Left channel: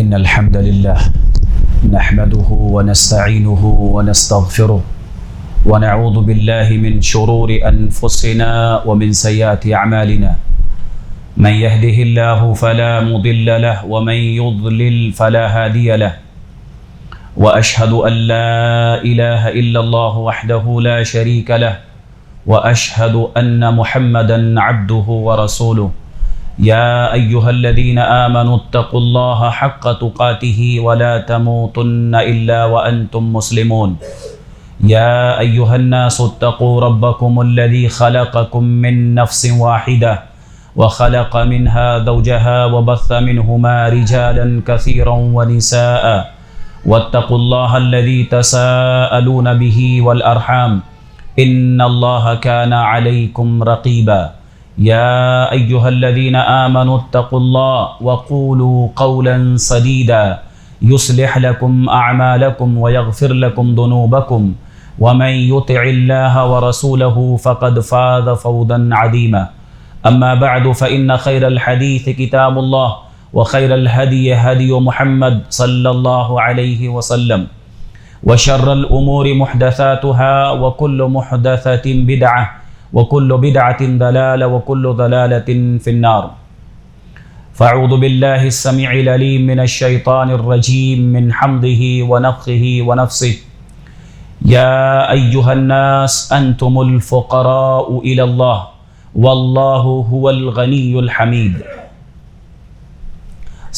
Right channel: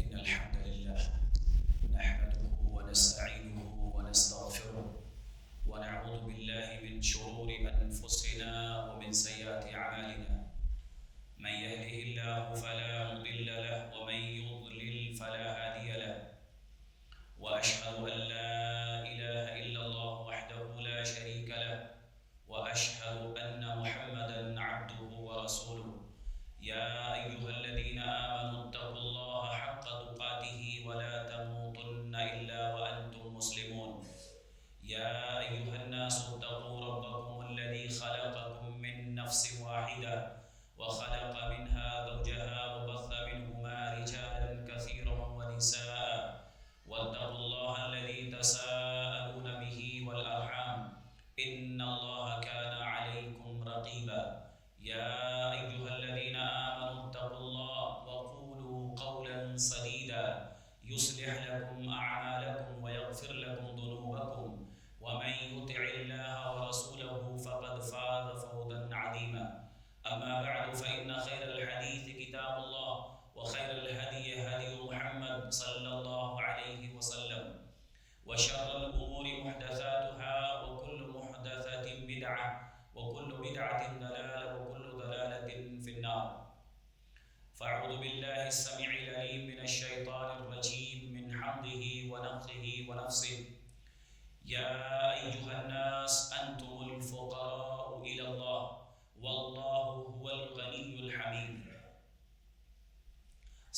إن الحمد لله نحمده ونستعينه ونستغفره ونعوذ بالله من شرور أنفسنا ومن سيئات أعمالنا من يهده الله فلا مضل له ومن يضلل فلا هادي له وأشهد أن لا إله إلا الله وحده لا شريك له وأشهد أن محمدا عبده ورسوله يا أيها الذين آمنوا اتقوا الله حق تقاته ولا تموتن إلا وأنتم مسلمون يا أيها الناس اتقوا ربكم الذي خلقكم من نفس واحدة وخلق منها زوجها وبث منهما رجالا كثيرا ونساء واتقوا الله الذي تساءلون به والأرحام إن الله كان عليكم رقيبا يا أيها الذين آمنوا اتقوا الله وقولوا قولا سديدا يصلح لكم أعمالكم ويغفر لكم ذنوبكم ومن يطع الله ورسوله فقد فاز فوزا عظيما أما بعد فإن خير الحديث كتاب الله وخير الهدي هدي محمد صلى الله عليه وسلم وشر الأمور محدثاتها وكل محدثة بدعة وكل بدعة ضلالة وكل ضلالة في النار فأعوذ بالله السميع العليم من الشيطان الرجيم من حمده ونفخه ونفسه يا أيها الناس أنتم الفقراء إلى الله والله هو الغني الحميد.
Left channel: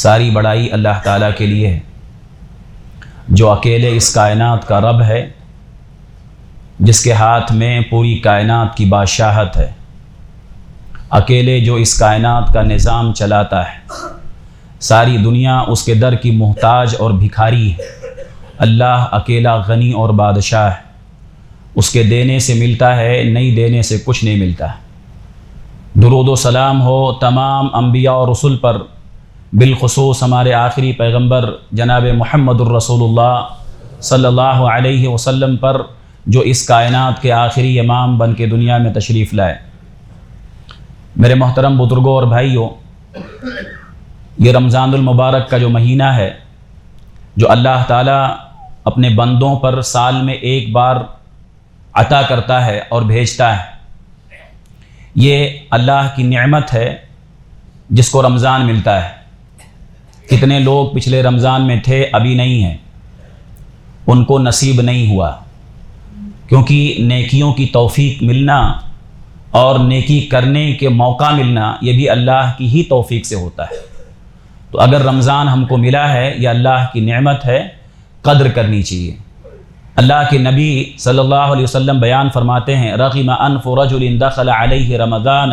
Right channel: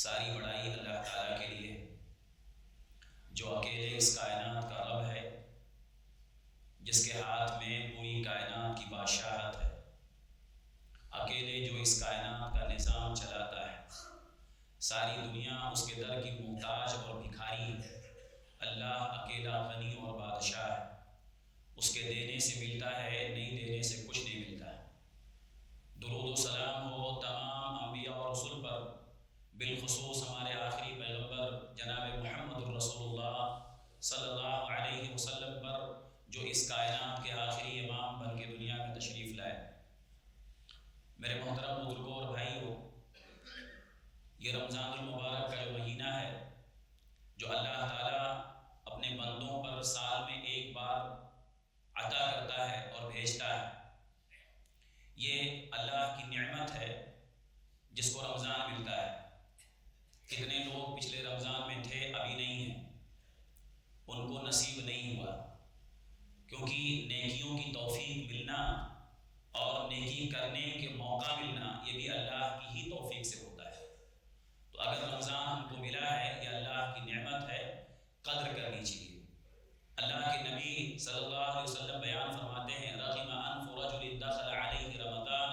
ساری بڑائی اللہ تعالیٰ کے لیے ہے جو اکیلے اس کائنات کا رب ہے، جس کے ہاتھ میں پوری کائنات کی بادشاہت ہے، اکیلے جو اس کائنات کا نظام چلاتا ہے، ساری دنیا اس کے در کی محتاج اور بھکاری ہے، اللہ اکیلا غنی اور بادشاہ ہے، اس کے دینے سے ملتا ہے، نہیں دینے سے کچھ نہیں ملتا ہے۔ درود و سلام ہو تمام انبیاء اور رسل پر، بالخصوص ہمارے آخری پیغمبر جناب محمد الرسول اللہ صلی اللہ علیہ وسلم پر، جو اس کائنات کے آخری امام بن کے دنیا میں تشریف لائے۔ میرے محترم بزرگوں اور بھائیوں، یہ رمضان المبارک کا جو مہینہ ہے، جو اللہ تعالیٰ اپنے بندوں پر سال میں ایک بار عطا کرتا ہے اور بھیجتا ہے، یہ اللہ کی نعمت ہے جس کو رمضان ملتا ہے۔ کتنے لوگ پچھلے رمضان میں تھے، ابھی نہیں ہیں، ان کو نصیب نہیں ہوا، کیونکہ نیکیوں کی توفیق ملنا اور نیکی کرنے کے موقع ملنا یہ بھی اللہ کی ہی توفیق سے ہوتا ہے۔ تو اگر رمضان ہم کو ملا ہے، یہ اللہ کی نعمت ہے، قدر کرنی چاہیے۔ اللہ کے نبی صلی اللہ علیہ وسلم بیان فرماتے ہیں، رغم انف رجل دخل علیہ رمضان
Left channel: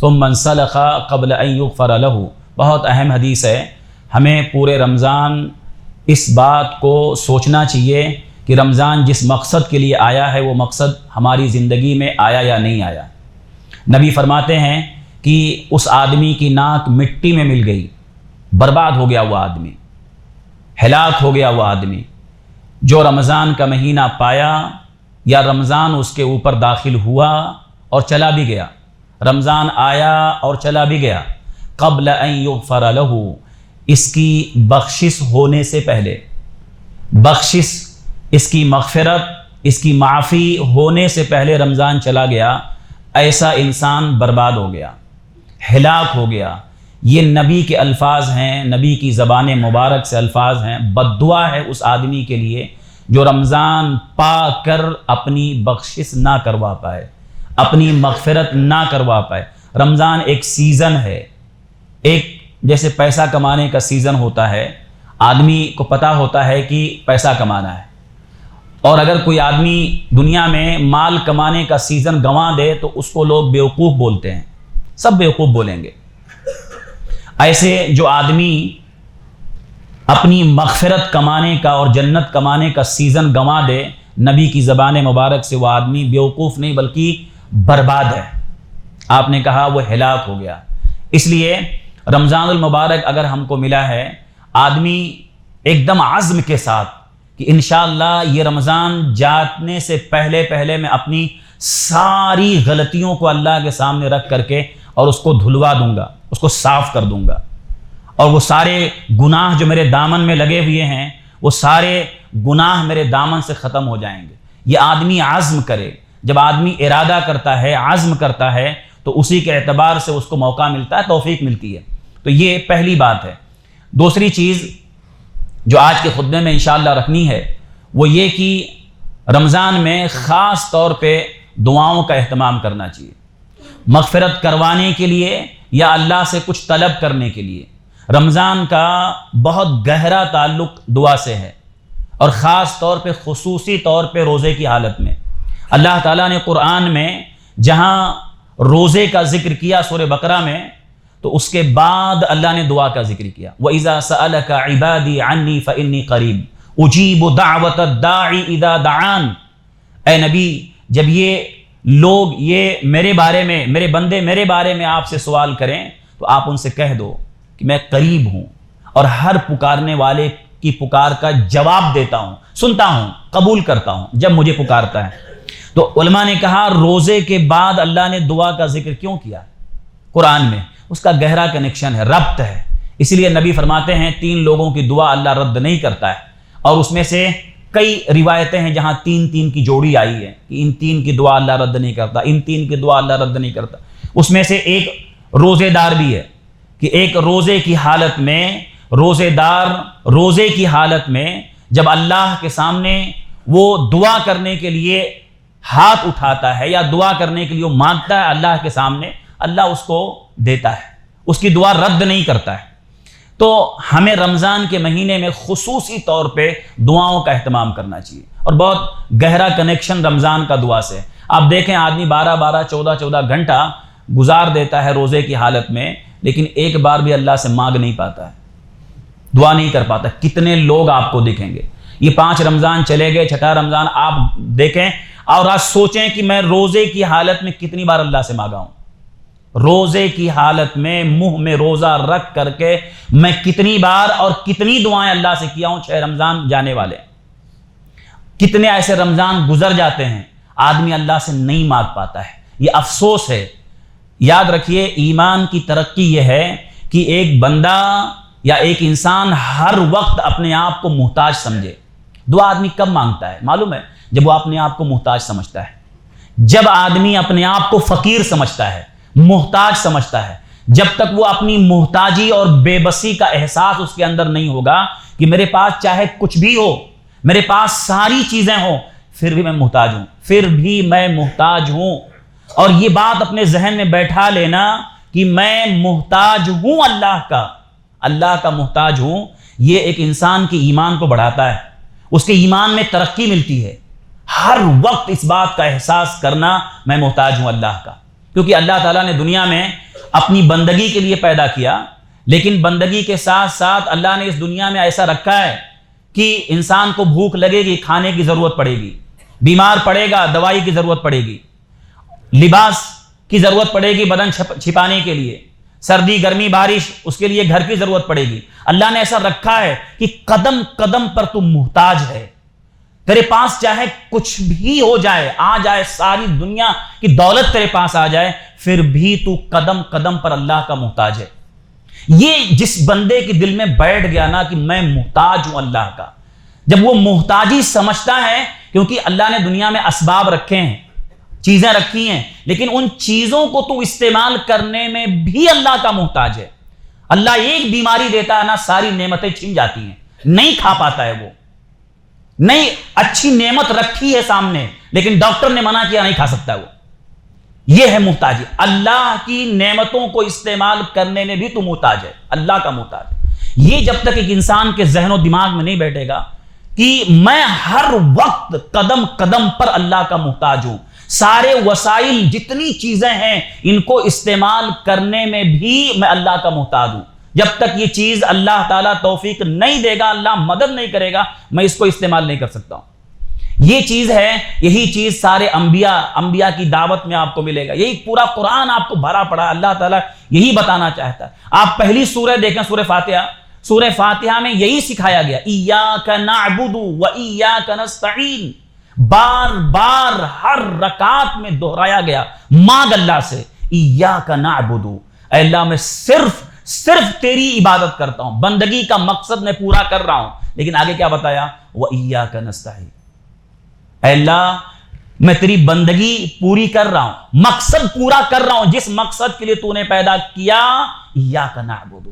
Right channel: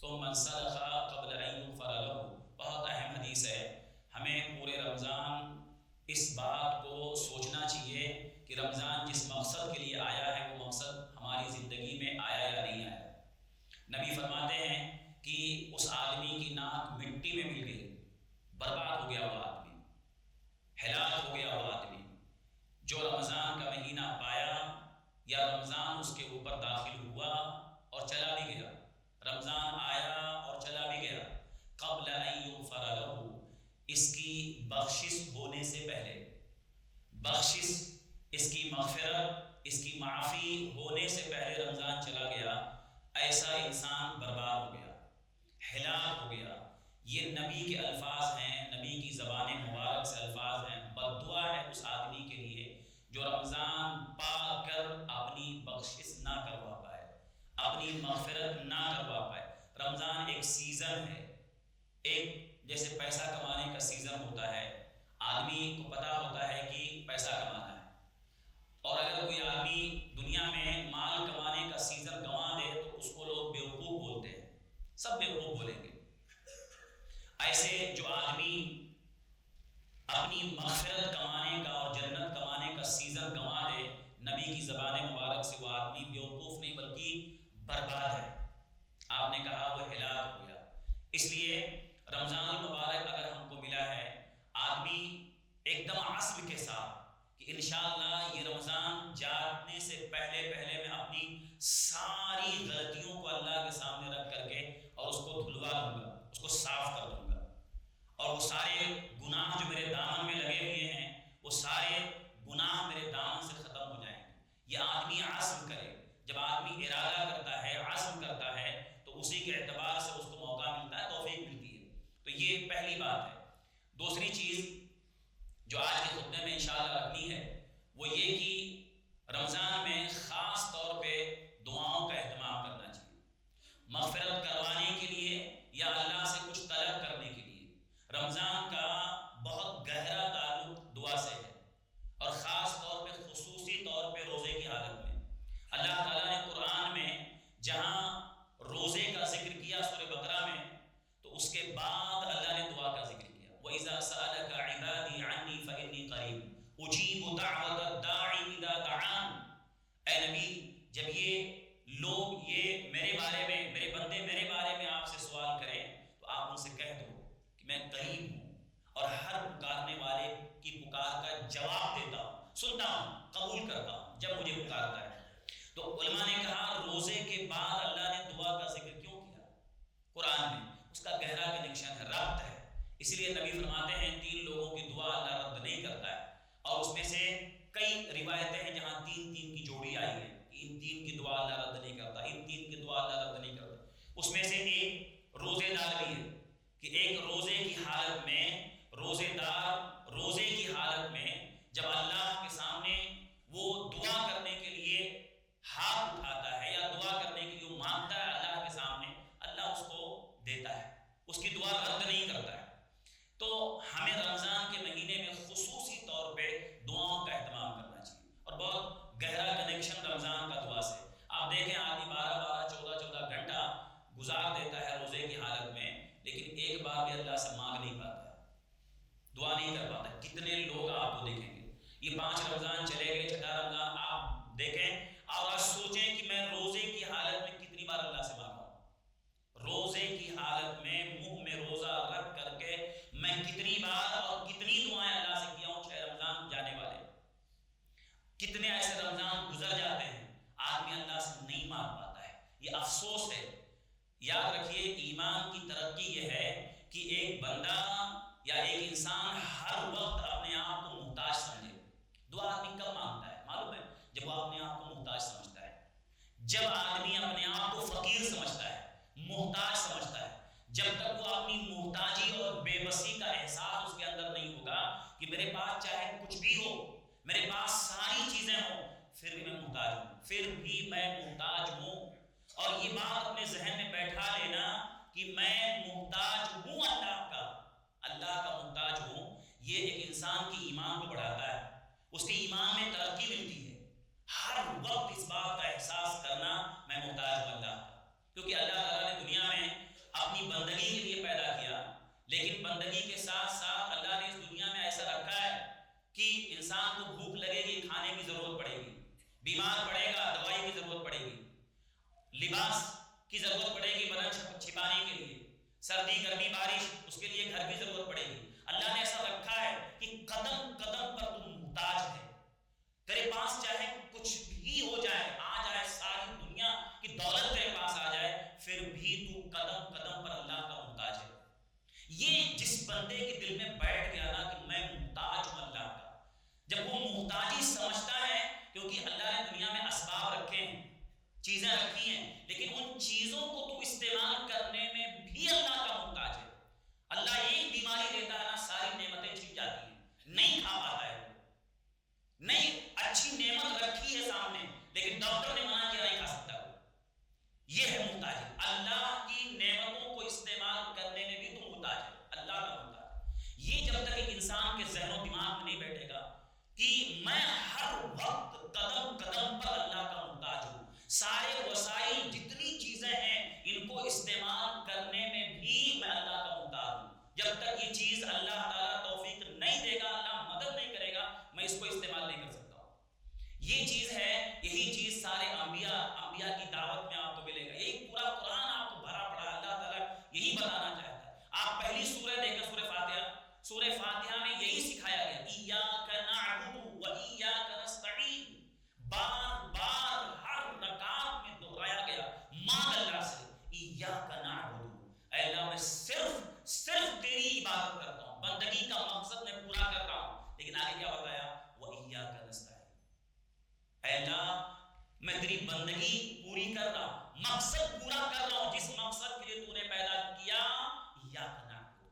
ثم انسلخ قبل ان یغفر له۔ بہت اہم حدیث ہے، ہمیں پورے رمضان اس بات کو سوچنا چاہیے کہ رمضان جس مقصد کے لیے آیا ہے وہ مقصد ہماری زندگی میں آیا یا نہیں آیا۔ نبی فرماتے ہیں کہ اس آدمی کی ناک مٹی میں مل گئی، برباد ہو گیا وہ آدمی، ہلاک ہو گیا وہ آدمی جو رمضان کا مہینہ پایا یا رمضان اس کے اوپر داخل ہوا اور چلا بھی گیا، رمضان آیا اور چلا بھی گیا، قبل ان یغفر له، اس کی بخشش ہونے سے پہلے، بخشش، اس کی مغفرت، اس کی معافی ہونے سے پہلے رمضان چلا گیا، ایسا انسان برباد ہو گیا، ہلاک ہو گیا۔ یہ نبی کے الفاظ ہیں، نبی کی زبان مبارک سے الفاظ ہیں، بد دعا ہے اس آدمی کے لیے جو رمضان پا کر اپنی بخشش نہ کروا پائے، اپنی مغفرت نہ کروا پائے۔ رمضان ایک سیزن ہے، ایک جیسے پیسہ کمانے کا سیزن ہوتا ہے، آدمی کو پتہ ہوتا ہے کہ پیسہ کمانا ہے، اور اگر کوئی آدمی دنیا میں مال کمانے کا سیزن گنوا دے تو اس کو لوگ بیوقوف بولتے ہیں، سب بیوقوف بولیں گے۔ ایسے جو آدمی اپنی مغفرت کمانے کا اور جنت کمانے کا سیزن گنوا دے، نبی کی زبان مبارک سے وہ آدمی بیوقوف نہیں بلکہ برباد ہے۔ آپ نے کہا وہ ہلاک ہو گیا۔ اس لیے رمضان المبارک اگر ہم کو ملا ہے، آدمی ایک دم عزم کے ساتھ کہ انشاءاللہ یہ رمضان جانے سے پہلے میں اپنی ساری غلطیوں کو اللہ کے سامنے رکھ کر کے اور اس کو دھلوا دوں گا، اس کو صاف کر دوں گا، اور وہ سارے گناہ جو میرے دامن میں لگے ہوئے ہیں وہ سارے گناہ میرے دامن سے ختم ہو جائیں گے۔ یہ آدمی عزم کرے، جب آدمی ارادہ کرتا ہے، عزم کرتا ہے، تو اسی کے اعتبار سے اس کو موقع ملتا ہے، توفیق ملتی ہے۔ تو یہ پہلی بات ہے۔ دوسری چیز جو آج کے خطبے میں انشاءاللہ رکھنی ہے وہ یہ کہ رمضان میں خاص طور پہ دعاؤں کا اہتمام کرنا چاہیے، مغفرت کروانے کے لیے یا اللہ سے کچھ طلب کرنے کے لیے۔ رمضان کا بہت گہرا تعلق دعا سے ہے، اور خاص طور پہ خصوصی طور پہ روزے کی حالت میں۔ اللہ تعالیٰ نے قرآن میں جہاں روزے کا ذکر کیا سورہ بقرہ میں، تو اس کے بعد اللہ نے دعا کا ذکر کیا۔ وَإِذَا سَأَلَكَ عِبَادِي عَنِّي فَإِنِّي قَرِيبٌ أُجِيبُ دَعْوَةَ الدَّاعِ إِذَا دَعَانِ۔ اے نبی، جب یہ لوگ یہ میرے بارے میں، میرے بندے میرے بارے میں آپ سے سوال کریں تو آپ ان سے کہہ دو کہ میں قریب ہوں اور ہر پکارنے والے کی پکار کا جواب دیتا ہوں، سنتا ہوں، قبول کرتا ہوں جب مجھے پکارتا ہے۔ تو علماء نے کہا روزے کے بعد اللہ نے دعا کا ذکر کیوں کیا قرآن میں؟ اس کا گہرا کنیکشن ہے، ربط ہے۔ اسی لیے نبی فرماتے ہیں 3 لوگوں کی دعا اللہ رد نہیں کرتا ہے، اور اس میں سے کئی روایتیں ہیں جہاں 3 کی جوڑی آئی ہے کہ ان 3 کی دعا اللہ رد نہیں کرتا، ان 3 کی دعا اللہ رد نہیں کرتا۔ اس میں سے ایک روزے دار بھی ہے کہ ایک روزے کی حالت میں، روزے دار روزے کی حالت میں جب اللہ کے سامنے وہ دعا کرنے کے لیے ہاتھ اٹھاتا ہے یا دعا کرنے کے لیے وہ مانگتا ہے اللہ کے سامنے، اللہ اس کو دیتا ہے، اس کی دعا رد نہیں کرتا ہے۔ تو ہمیں رمضان کے مہینے میں خصوصی طور پہ دعاؤں کا اہتمام کرنا چاہیے، اور بہت گہرا کنیکشن رمضان کا دعا سے۔ آپ دیکھیں آدمی 12 14 گھنٹہ گزار دیتا ہے روزے کی حالت میں، لیکن ایک بار بھی اللہ سے مانگ نہیں پاتا ہے، دعا نہیں کر پاتا۔ کتنے لوگ آپ کو دکھیں گے، یہ 5 رمضان چلے گئے، 6واں رمضان آپ دیکھیں اور آج سوچیں کہ میں روزے کی حالت میں کتنی بار اللہ سے مانگا ہوں۔ روزے کی حالت میں منہ میں روزہ رکھ کر کے میں کتنی بار اور کتنی دعائیں اللہ سے کیا ہوں۔ 6 رمضان جانے والے، کتنے ایسے رمضان گزر جاتے ہیں آدمی اللہ سے نہیں مانگ پاتا ہے، یہ افسوس ہے۔ یاد رکھیے ایمان کی ترقی یہ ہے کہ ایک بندہ یا ایک انسان ہر وقت اپنے آپ کو محتاج سمجھے۔ دعا آدمی کب مانگتا ہے معلوم ہے؟ جب وہ اپنے آپ کو محتاج سمجھتا ہے، جب آدمی اپنے آپ کو فقیر سمجھتا ہے، محتاج سمجھتا ہے۔ جب تک وہ اپنی محتاجی اور بے بسی کا احساس اس کے اندر نہیں ہوگا کہ میرے پاس چاہے کچھ بھی ہو، میرے پاس ساری چیزیں ہوں، پھر بھی میں محتاج ہوں، پھر بھی میں محتاج ہوں۔ اور یہ بات اپنے ذہن میں بیٹھا لینا کہ میں محتاج ہوں اللہ کا محتاج ہوں، یہ ایک انسان کے ایمان کو بڑھاتا ہے، اس کے ایمان میں ترقی ملتی ہے۔ ہر وقت اس بات کا احساس کرنا میں محتاج ہوں اللہ کا، کیونکہ اللہ تعالیٰ نے دنیا میں اپنی بندگی کے لیے پیدا کیا، لیکن بندگی کے ساتھ ساتھ اللہ نے اس دنیا میں ایسا رکھا ہے کہ انسان کو بھوک لگے گی، کھانے کی ضرورت پڑے گی، بیمار پڑے گا، دوائی کی ضرورت پڑے گی، لباس کی ضرورت پڑے گی بدن چھپانے کے لیے، سردی گرمی بارش اس کے لیے گھر کی ضرورت پڑے گی۔ اللہ نے ایسا رکھا ہے کہ قدم قدم پر تو محتاج ہے، تیرے پاس چاہے کچھ بھی ہو جائے، آ جائے ساری دنیا کی دولت تیرے پاس آ جائے، پھر بھی تو قدم قدم پر اللہ کا محتاج ہے۔ یہ جس بندے کے دل میں بیٹھ گیا نا کہ میں محتاج ہوں اللہ کا، جب وہ محتاجی سمجھتا ہے، کیونکہ اللہ نے دنیا میں اسباب رکھے ہیں، چیزیں رکھی ہیں، لیکن ان چیزوں کو تو استعمال کرنے میں بھی اللہ کا محتاج ہے۔ اللہ ایک بیماری دیتا ہے نا، ساری نعمتیں چھن جاتی ہیں، نہیں کھا پاتا ہے وہ، نہیں اچھی نعمت رکھی ہے سامنے لیکن ڈاکٹر نے منع کیا نہیں کھا سکتا وہ، یہ ہے محتاجی۔ اللہ کی نعمتوں کو استعمال کرنے میں بھی تو محتاج ہے، اللہ کا محتاج۔ یہ جب تک ایک انسان کے ذہن و دماغ میں نہیں بیٹھے گا کہ میں ہر وقت قدم قدم پر اللہ کا محتاج ہوں، سارے وسائل جتنی چیزیں ہیں ان کو استعمال کرنے میں بھی میں اللہ کا محتاج ہوں، جب تک یہ چیز اللہ تعالیٰ توفیق نہیں دے گا، اللہ مدد نہیں کرے گا، میں اس کو استعمال نہیں کر سکتا ہوں۔ یہ چیز ہے، یہی چیز سارے انبیاء کی دعوت میں آپ کو ملے گا، یہی پورا قرآن آپ کو بھرا پڑا، اللہ تعالیٰ یہی بتانا چاہتا ہے۔ آپ پہلی سورہ دیکھیں، سورہ فاتحہ میں یہی سکھایا گیا، ایاک نعبد و ایاک نستعین، بار بار ہر رکعت میں دہرایا گیا، مانگ اللہ سے، ایاک نعبد، اے اللہ میں صرف تیری عبادت کرتا ہوں، بندگی کا مقصد میں پورا کر رہا ہوں. لیکن آگے کیا بتایا؟ وَإِيَّاكَ نَسْتَعِينُ. اے اللہ میں تیری بندگی پوری کر رہا ہوں، مقصد پورا کر رہا ہوں، جس مقصد کے لیے تو نے پیدا کیا. إِيَّاكَ نَعْبُدُ،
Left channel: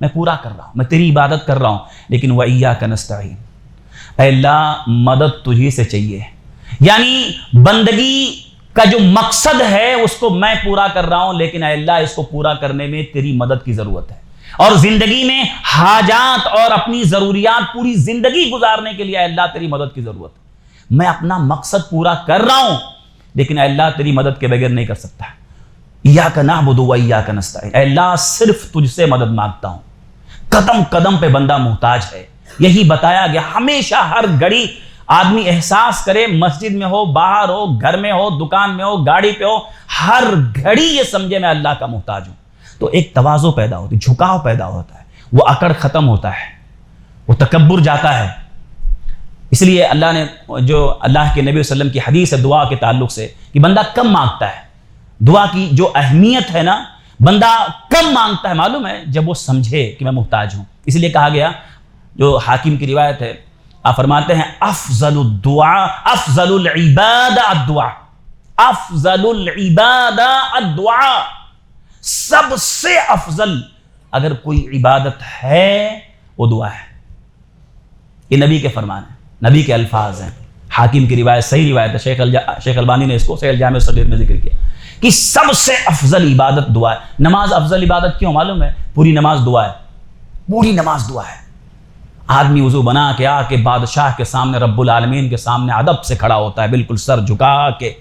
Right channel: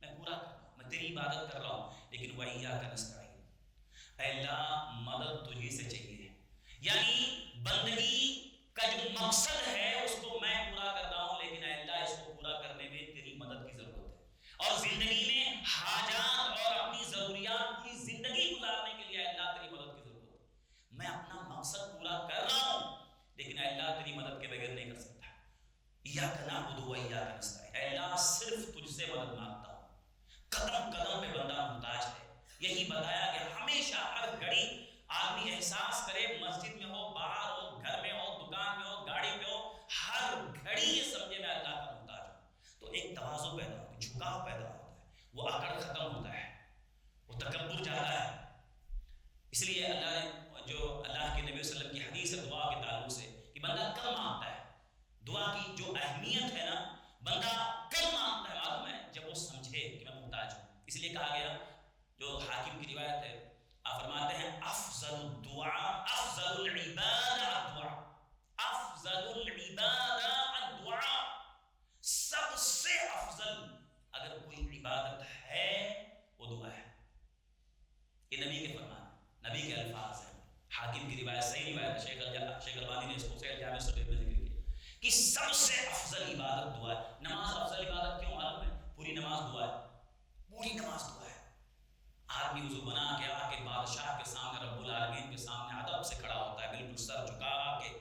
میں پورا کر رہا ہوں، میں تیری عبادت کر رہا ہوں. لیکن وَإِيَّاكَ نَسْتَعِينُ، اے اللہ مدد تجھی سے چاہیے. یعنی بندگی کا جو مقصد ہے اس کو میں پورا کر رہا ہوں، لیکن اے اللہ اس کو پورا کرنے میں تیری مدد کی ضرورت ہے. اور زندگی میں حاجات اور اپنی ضروریات پوری زندگی گزارنے کے لیے اے اللہ تیری مدد کی ضرورت ہے. میں اپنا مقصد پورا کر رہا ہوں لیکن اے اللہ تیری مدد کے بغیر نہیں کر سکتا. ایاک نعبد و ایاک نستعین، اے اللہ صرف تجھ سے مدد مانگتا ہوں. قدم قدم پہ بندہ محتاج ہے. یہی بتایا گیا ہمیشہ ہر گھڑی آدمی احساس کرے، مسجد میں ہو، باہر ہو، گھر میں ہو، دکان میں ہو، گاڑی پہ ہو، ہر گھڑی یہ سمجھے میں اللہ کا محتاج ہوں. تو ایک تواضع پیدا ہوتی، جھکاؤ پیدا ہوتا ہے، وہ اکڑ ختم ہوتا ہے، وہ تکبر جاتا ہے. اس لیے اللہ نے جو اللہ کے نبی صلی اللہ علیہ وسلم کی حدیث ہے دعا کے تعلق سے کہ بندہ کم مانگتا ہے. دعا کی جو اہمیت ہے نا، بندہ کم مانگتا ہے معلوم ہے جب وہ سمجھے کہ میں محتاج ہوں. اس لیے کہا گیا، جو حاکم کی روایت ہے، آپ فرماتے ہیں افضل الدعاء افضل العباد الدعاء، افضل العباد الدعاء. سب سے افضل اگر کوئی عبادت ہے وہ دعا ہے. یہ نبی کے فرمان ہیں، نبی کے الفاظ ہیں. حاکم کی روایت صحیح روایت ہے، شیخ البانی نے اس کو صحیح الجامع الصغیر میں ذکر کیا کہ سب سے افضل عبادت دعا ہے. نماز افضل عبادت کیوں معلوم ہے؟ پوری نماز دعا ہے، پوری نماز دعا ہے. آدمی وضو بنا کے آ کے بادشاہ کے سامنے، رب العالمین کے سامنے ادب سے کھڑا ہوتا ہے، بالکل سر جھکا کے،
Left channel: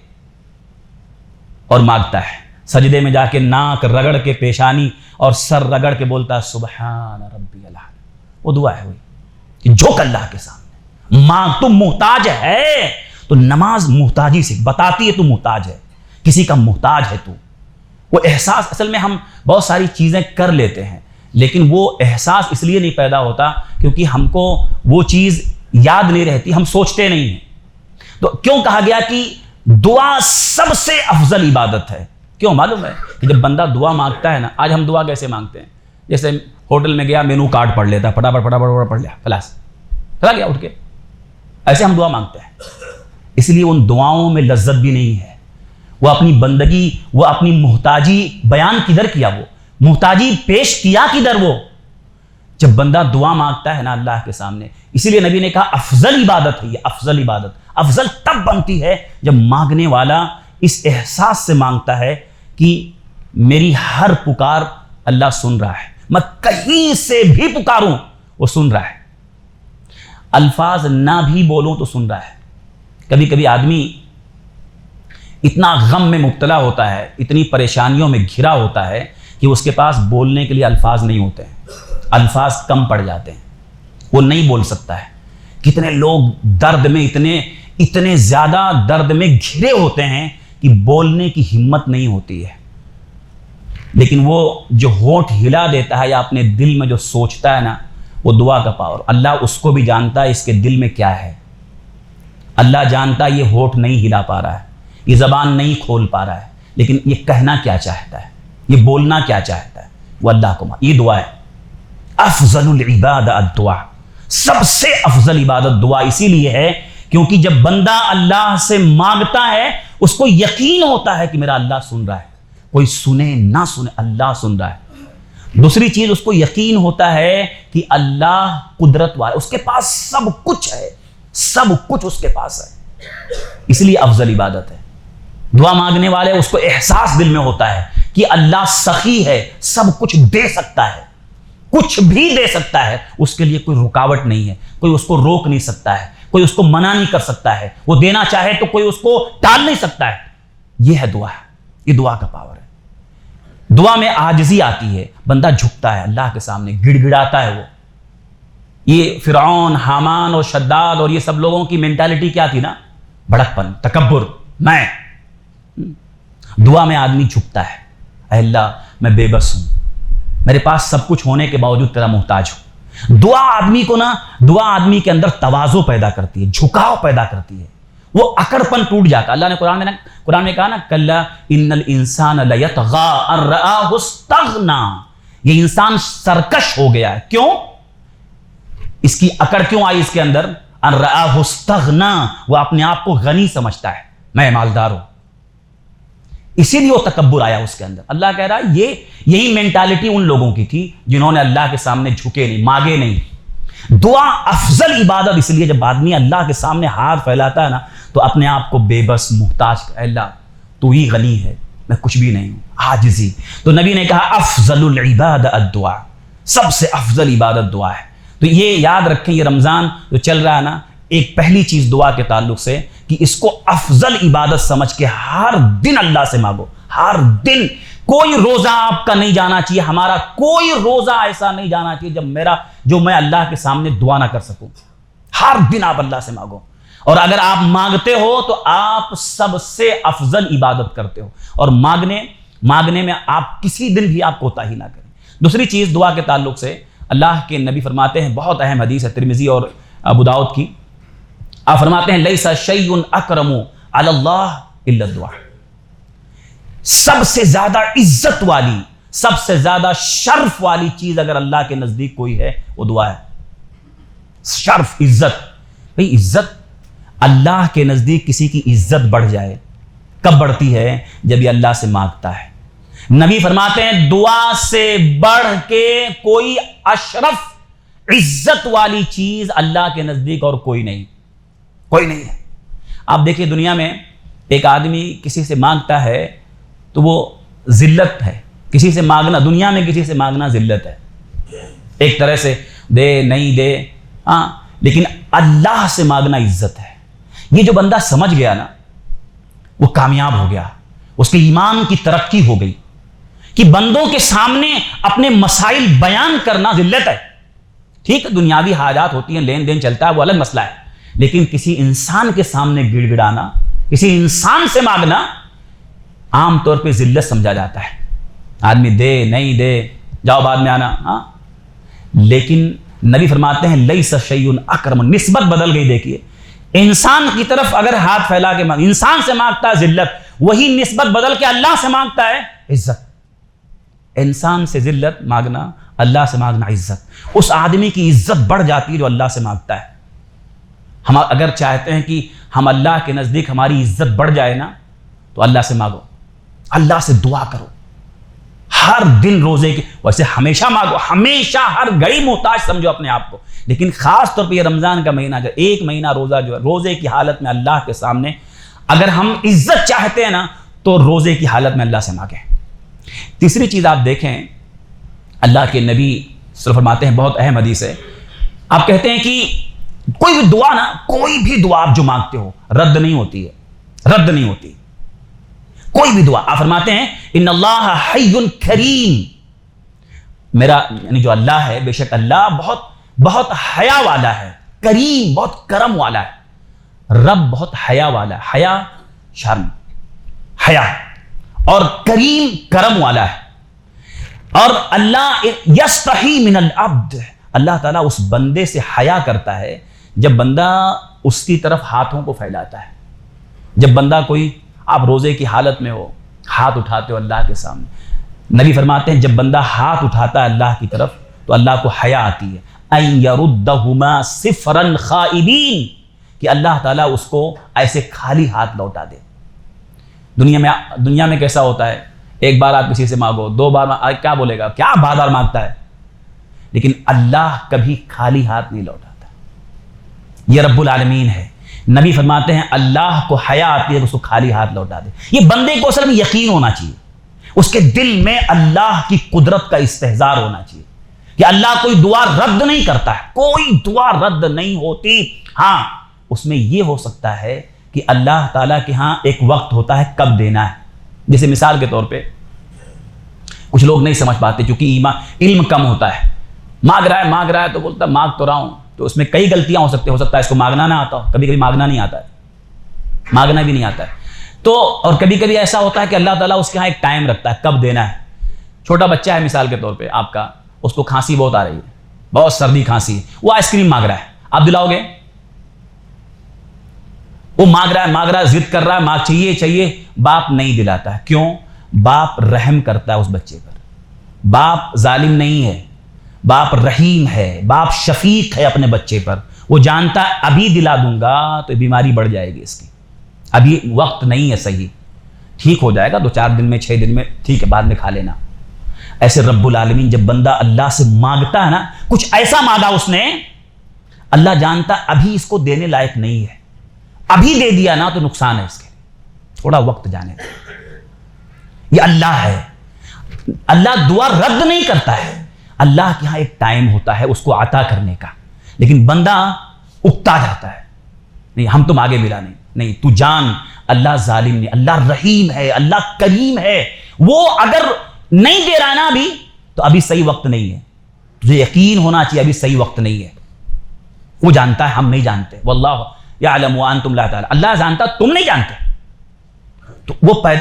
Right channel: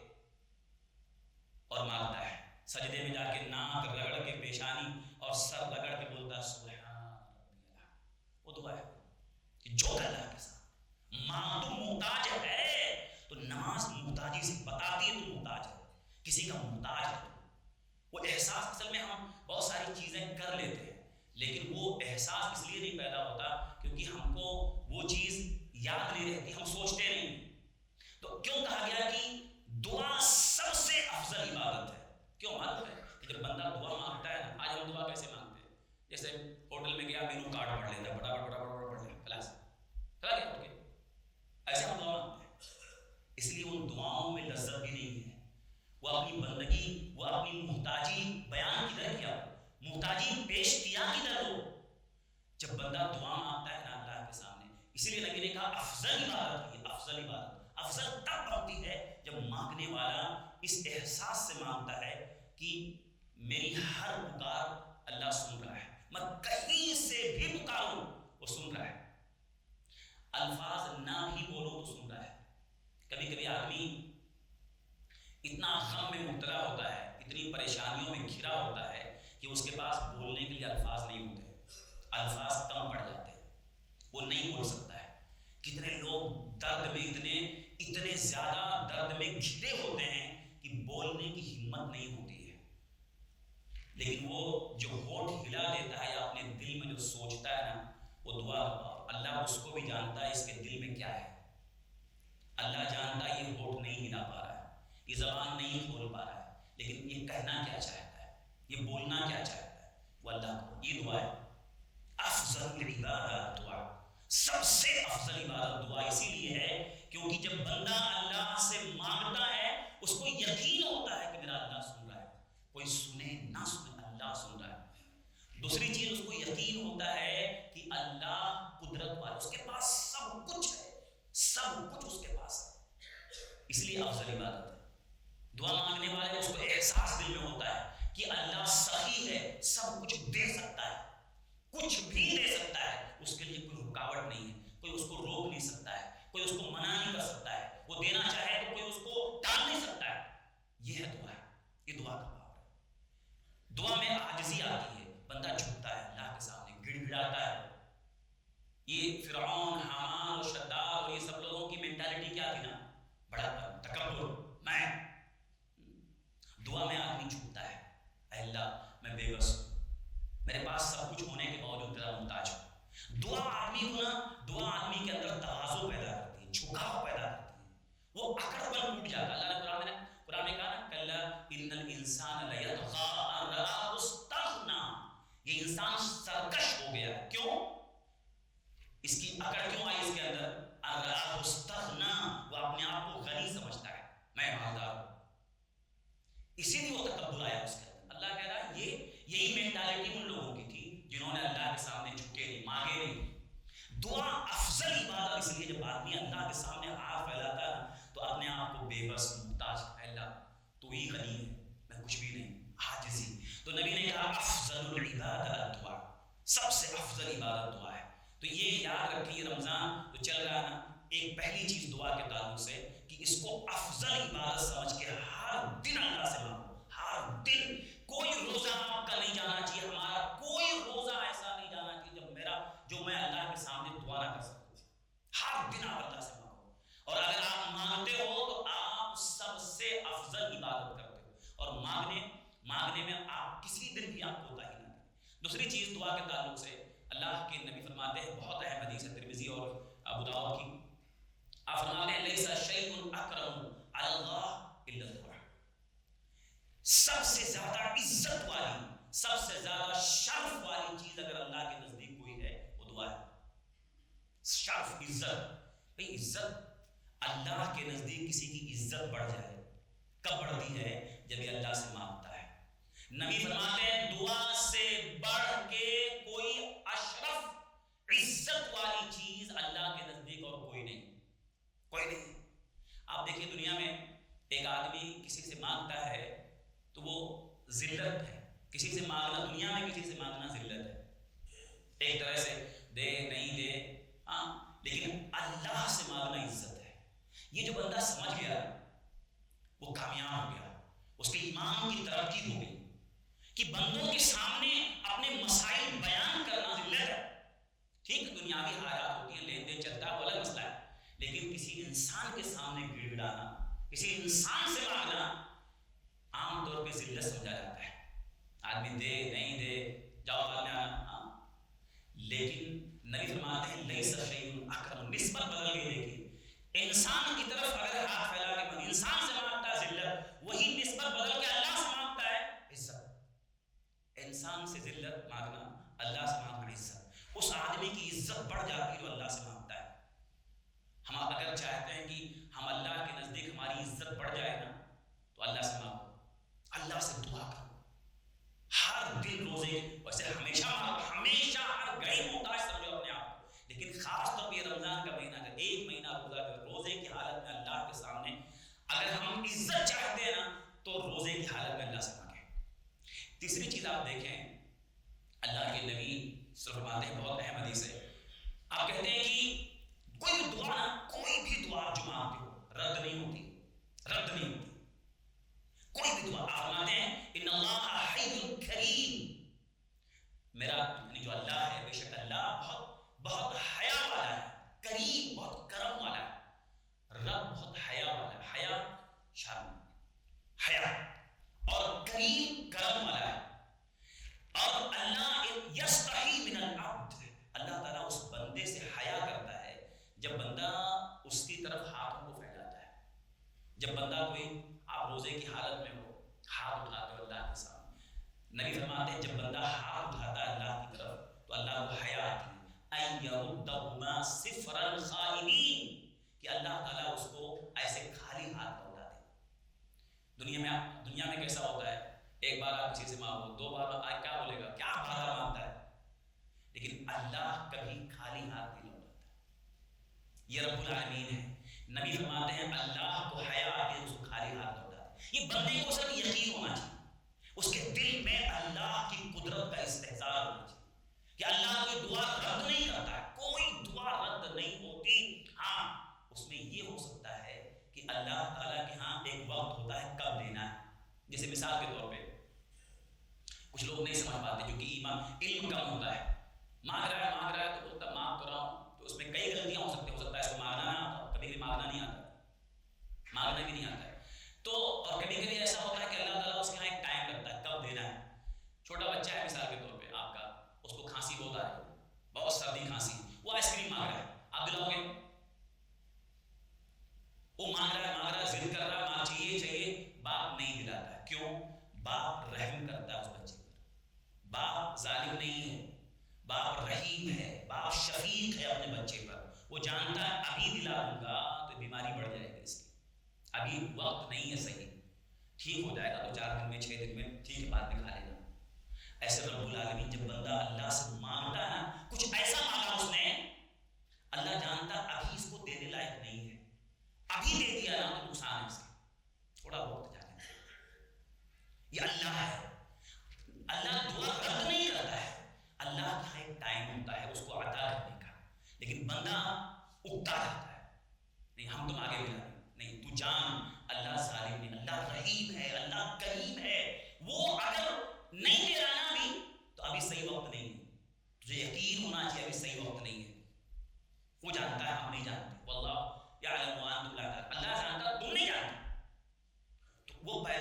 اور مانگتا ہے. سجدے میں جا کے ناک رگڑ کے، پیشانی اور سر رگڑ کے بولتا ہے سبحان ربی العظیم. وہ دعا ہے ہوئی جھک اللہ کے سامنے مانگ. تم محتاج ہے تو نماز محتاجی سے بتاتی ہے تو محتاج ہے، کسی کا محتاج ہے تو. وہ احساس، اصل میں ہم بہت ساری چیزیں کر لیتے ہیں لیکن وہ احساس اس لیے نہیں پیدا ہوتا کیونکہ ہم کو وہ چیز یاد نہیں رہتی، ہم سوچتے نہیں ہیں. تو کیوں کہا گیا کہ دعا سب سے افضل عبادت ہے؟ کیوں معلوم ہے کہ جب بندہ دعا مانگتا ہے نا، آج ہم دعا کیسے مانگتے ہیں؟ جیسے ہوٹل میں گیا، مینو کارڈ پڑھ لیتا، پڑھ لیا، خلاص چلا گیا اٹھ کے. ایسے ہم دعا مانگتے ہیں. اس لیے ان دعاؤں میں لذت بھی نہیں ہے. وہ اپنی بندگی، وہ اپنی محتاجی بیان کدھر کیا؟ وہ محتاجی پیش کیا کدھر؟ وہ جب بندہ دعا مانگتا ہے نا اللہ کے سامنے. اسی لیے نبی نے کہا افضل عبادت ہے یہ، افضل عبادت افضل تب بنتی ہے جب مانگنے والا اس احساس سے مانگتا ہے کہ میری ہر پکار اللہ سن رہا ہے، میں کہیں سے بھی پکاروں وہ سن رہا ہے، الفاظ نہ بھی بولوں تو سن رہا ہے. کبھی کبھی آدمی اتنا غم میں مبتلا ہوتا ہے، اتنی پریشانیوں میں گھرا ہوتا ہے کہ اس کے پاس بولنے کے لیے الفاظ نہیں ہوتے ہیں، الفاظ کم پڑ جاتے ہیں، وہ نہیں بول سکتا ہے. کتنے لوگ درد میں اتنے زیادہ درد میں گھرے ہوتے ہیں کہ بولنے کی ہمت نہیں ہوتی ہے. لیکن وہ جو ہونٹ ہلا دیتا ہے یا اپنے دل میں جو سوچتا ہے نا، وہ دعا کا پاور. اللہ اس کو بھی جانتا ہے اس کے دل میں کیا ہے. اللہ جانتا ہے یہ ہونٹ نہیں ہلا پا رہا ہے، یہ زبان نہیں کھول پا رہا ہے، لیکن یہ کہنا کیا چاہتا ہے، یہ بولنا کیا چاہتا ہے، وہ اللہ کو یہ دعا ہے. افضل العباد الدعاء، سب سے افضل عبادت دعا اسی لیے ہے کیونکہ جب بندہ اللہ سے مانگتا ہے اس کو یقین ہوتا ہے کہ میرا اللہ سن رہا ہے. کوئی سنے نہ سنے اللہ سن رہا ہے. دوسری چیز، اس کو یقین ہوتا ہے کہ اللہ قدرت والا، اس کے پاس سب کچھ ہے، سب کچھ اس کے پاس ہے. اس لیے افضل عبادت ہے. دعا مانگنے والے اس کو احساس دل میں ہوتا ہے کہ اللہ سخی ہے، سب کچھ دے سکتا ہے، کچھ بھی دے سکتا ہے. اس کے لیے کوئی رکاوٹ نہیں ہے، کوئی اس کو روک نہیں سکتا ہے، کوئی اس کو منع نہیں کر سکتا ہے. وہ دینا چاہے تو کوئی اس کو ٹال نہیں سکتا ہے. یہ ہے دعا، یہ دعا کا پاور ہے. دعا میں عاجزی آتی ہے، بندہ جھکتا ہے اللہ کے سامنے، گڑ گڑاتا ہے. وہ یہ فرعون، حامان اور شداد اور یہ سب لوگوں کی مینٹالٹی کیا تھی نا؟ بڑکپن، تکبر. میں دعا میں آدمی جھکتا ہے، اے اللہ میں بے بس ہوں، میرے پاس سب کچھ ہونے کے باوجود تیرا محتاج ہوں. دعا آدمی کو نا، دعا آدمی کے اندر تواضع پیدا کرتی ہے، جھکاؤ پیدا کرتی ہے. وہ اکڑپن ٹوٹ جاتا. اللہ نے قرآن میں کہا نا کلا ان الانسان لیطغی ان رآہ استغنی, یہ انسان سرکش ہو گیا ہے. کیوں؟ اس کی اکڑ کیوں آئی اس کے اندر؟ ان رآہ استغنی, وہ اپنے آپ کو غنی سمجھتا ہے, میں مالدار ہوں, اسی لیے وہ تکبر آیا اس کے اندر. اللہ کہہ رہا ہے یہی مینٹالٹی ان لوگوں کی تھی جنہوں نے اللہ کے سامنے جھکے نہیں, مانگے نہیں. دعا افضل عبادت اس لیے جب آدمی اللہ کے سامنے ہاتھ پھیلاتا ہے نا تو اپنے آپ کو بے بس محتاج, اللہ تو ہی غنی ہے, میں کچھ بھی نہیں ہوں, عاجزی. تو نبی نے کہا افضل العباد الدعاء, سب سے افضل عبادت دعا ہے. تو یہ یاد رکھیں, یہ رمضان جو چل رہا ہے نا, ایک پہلی چیز دعا کے تعلق سے کہ اس کو افضل عبادت سمجھ کے ہر دن اللہ سے مانگو. ہر دن کوئی روزہ آپ کا نہیں جانا چاہیے, ہمارا کوئی روزہ ایسا نہیں جانا چاہیے جو میں اللہ کے سامنے دعا نہ کر سکوں. ہر دن آپ اللہ سے مانگو, اور اگر آپ مانگتے ہو تو آپ سب سے افضل عبادت کرتے ہو, اور مانگنے میں آپ کسی دن بھی آپ کوتاہی نہ کریں. دوسری چیز دعا کے تعلق سے اللہ کے نبی فرماتے ہیں, بہت اہم حدیث ہے ترمذی اور ابو داؤد کی, آپ فرماتے ہیں لیس شیء اکرم علی اللہ الا الدعاء, سب سے زیادہ عزت والی, سب سے زیادہ شرف والی چیز اگر اللہ کے نزدیک کوئی ہے وہ دعا ہے. شرف, عزت. بھئی عزت, اللہ کے نزدیک کسی کی عزت بڑھ جائے کب بڑھتی ہے؟ جب یہ اللہ سے مانگتا ہے. نبی فرماتے ہیں دعا سے بڑھ کے کوئی اشرف عزت والی چیز اللہ کے نزدیک اور کوئی نہیں ہے. آپ دیکھیے دنیا میں ایک آدمی کسی سے مانگتا ہے تو وہ ذلت ہے. کسی سے مانگنا, دنیا میں کسی سے مانگنا ذلت ہے, ایک طرح سے دے نہیں دے, ہاں, لیکن اللہ سے مانگنا عزت ہے. یہ جو بندہ سمجھ گیا نا وہ کامیاب ہو گیا, اس کے ایمان کی ترقی ہو گئی. کہ بندوں کے سامنے اپنے مسائل بیان کرنا ذلت ہے. ٹھیک ہے, دنیاوی حاجات ہوتی ہیں, لین دین چلتا ہے, وہ الگ مسئلہ ہے, لیکن کسی انسان کے سامنے گڑ گڑانا, کسی انسان سے مانگنا عام طور پہ ذلت سمجھا جاتا ہے. آدمی دے نہیں دے, جاؤ بعد میں آنا, ہاں. لیکن نبی فرماتے ہیں لیس شیء اکرم, نسبت بدل گئی. دیکھیے انسان کی طرف اگر ہاتھ پھیلا کے انسان سے مانگتا ہے ذلت, وہی نسبت بدل کے اللہ سے مانگتا ہے عزت. انسان سے ذلت مانگنا, اللہ سے مانگنا عزت. اس آدمی کی عزت بڑھ جاتی ہے جو اللہ سے مانگتا ہے. ہم اگر چاہتے ہیں کہ ہم اللہ کے نزدیک ہماری عزت بڑھ جائے نا تو اللہ سے مانگو, اللہ سے دعا کرو. ہر دن روزے کی, ویسے ہمیشہ مانگو, ہمیشہ ہر گھڑی محتاج سمجھو اپنے آپ کو, لیکن خاص طور پہ یہ رمضان کا مہینہ جو ایک مہینہ روزہ جو ہے, روزے کی حالت میں اللہ کے سامنے اگر ہم عزت چاہتے ہیں نا تو روزے کی حالت میں اللہ سے مانگیں. تیسری چیز آپ دیکھیں, اللہ کے نبی صلی اللہ علیہ وسلم فرماتے ہیں, بہت اہم حدیث ہے, آپ کہتے ہیں کہ کوئی بھی دعا نا, کوئی بھی دعا آپ جو مانگتے ہو رد نہیں ہوتی ہے, رد نہیں ہوتی کوئی بھی دعا. آپ فرماتے ہیں ان اللہ حی کریم, میرا یعنی جو اللہ ہے, بے شک اللہ بہت بہت حیا والا ہے, کریم بہت کرم والا ہے, رب بہت حیا والا ہے, حیا شرم, حیا, اور کریم کرم والا ہے. اور اللہ یستحی من العبد, اللہ تعالیٰ اس بندے سے حیا کرتا ہے جب بندہ اس کی طرف ہاتھوں کو پھیلاتا ہے. جب بندہ کوئی, آپ روزے کی حالت میں ہو, ہاتھ اٹھاتے ہو اللہ کے سامنے, نبی فرماتے ہیں جب بندہ ہاتھ اٹھاتا ہے اللہ کی طرف تو اللہ کو حیا آتی ہے, ان یردہما صفرا خائبین, کہ اللہ تعالیٰ اس کو ایسے خالی ہاتھ لوٹا دے. دنیا میں کیسا ہوتا ہے, ایک بار آپ کسی سے مانگو, دو بار کیا بولے گا, کیا بار بار مانگتا ہے, لیکن اللہ کبھی خالی ہاتھ نہیں لوٹاتا. یہ رب العالمین ہے. نبی فرماتے ہیں اللہ کو حیا آتی ہے کہ اس کو خالی ہاتھ لوٹا دے. یہ بندے کو اصل میں یقین ہونا چاہیے, اس کے دل میں اللہ کی قدرت کا استحضار ہونا چاہیے کہ اللہ کوئی دعا رد نہیں کرتا ہے, کوئی دعا رد نہیں ہوتی. ہاں اس میں یہ ہو سکتا ہے کہ اللہ تعالیٰ کے ہاں ایک وقت ہوتا ہے کب دینا ہے. جیسے مثال کے طور پہ کچھ لوگ نہیں سمجھ پاتے چونکہ علم کم ہوتا ہے, مانگ رہا ہے تو بولتا مانگ تو رہا ہوں, تو اس میں کئی غلطیاں ہو سکتا ہے اس کو مانگنا نہ آتا ہو, کبھی کبھی مانگنا نہیں آتا ہے, مانگنا بھی نہیں آتا ہے. تو اور کبھی کبھی ایسا ہوتا ہے کہ اللہ تعالیٰ اس کے ہاں ایک ٹائم رکھتا ہے کب دینا ہے. چھوٹا بچہ ہے مثال کے طور پہ آپ کا, اس کو کھانسی بہت آ رہی ہے, بہت سردی کھانسی, وہ آئس کریم مانگ رہا ہے, آپ دلاؤ گے؟ وہ مانگ رہا ہے ضد کر رہا ہے، مانگ چاہیے، باپ نہیں دلاتا ہے۔ کیوں؟ باپ رحم کرتا ہے اس بچے پر، باپ ظالم نہیں ہے، باپ رحیم ہے، باپ شفیق ہے اپنے بچے پر۔ وہ جانتا ہے ابھی دلا دوں گا تو بیماری بڑھ جائے گی اس کی، ابھی وقت نہیں ہے صحیح، ٹھیک ہو جائے گا 2-4 دن میں 6 دن میں، ٹھیک ہے بعد میں کھا لینا۔ ایسے رب العالمین جب بندہ اللہ سے مانگتا ہے نا، کچھ ایسا مانگا اس نے، اللہ جانتا ابھی اس کو دینے لائق نہیں ہے، ابھی دے دیا نا تو نقصان ہے اس کے، تھوڑا وقت جانے دے۔ یہ اللہ ہے، اللہ دعا رد نہیں کرتا ہے، اللہ کے ہاں ایک ٹائم ہوتا ہے اس کو عطا کرنے کا، لیکن بندہ اکتا جاتا ہے، نہیں ہم تم آگے ملا نہیں تو جان اللہ ظالم نہیں، اللہ رحیم ہے، اللہ کریم ہے، وہ اگر نہیں دے رہا ہے نا ابھی تو ابھی صحیح وقت نہیں ہے، تجھے یقین ہونا چاہیے ابھی صحیح وقت نہیں ہے۔ وہ جانتا ہے، ہم نہیں جانتے، واللہ یعلم وانتم لا تعلمون، اللہ جانتا تم نہیں جانتے۔ تو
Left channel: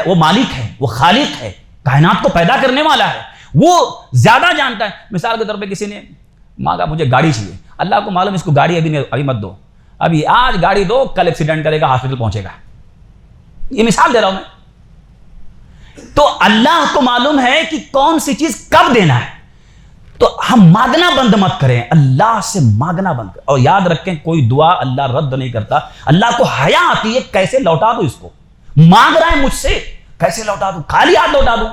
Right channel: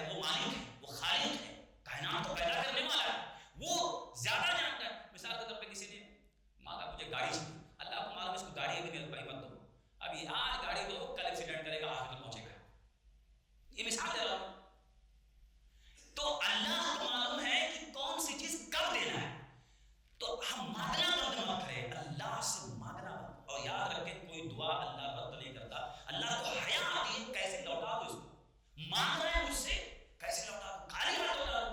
وہ مالک ہے، وہ خالق ہے، کائنات کو پیدا کرنے والا ہے، وہ زیادہ جانتا ہے۔ مثال کے طور پہ کسی نے مانگا مجھے گاڑی چاہیے، اللہ کو معلوم اس کو گاڑی ابھی مت دو، ابھی آج گاڑی دو کل ایکسیڈنٹ کرے گا ہاسپٹل پہنچے گا، یہ مثال دے رہا ہوں میں۔ تو اللہ کو معلوم ہے کہ کون سی چیز کب دینا ہے، تو ہم مانگنا بند مت کریں، اللہ سے مانگنا بند کریں۔ اور یاد رکھیں کوئی دعا اللہ رد نہیں کرتا، اللہ کو حیا آتی ہے کیسے لوٹا دو اس کو، مانگ رہا ہے مجھ سے کیسے لوٹا دوں، خالی ہاتھ لوٹا دوں۔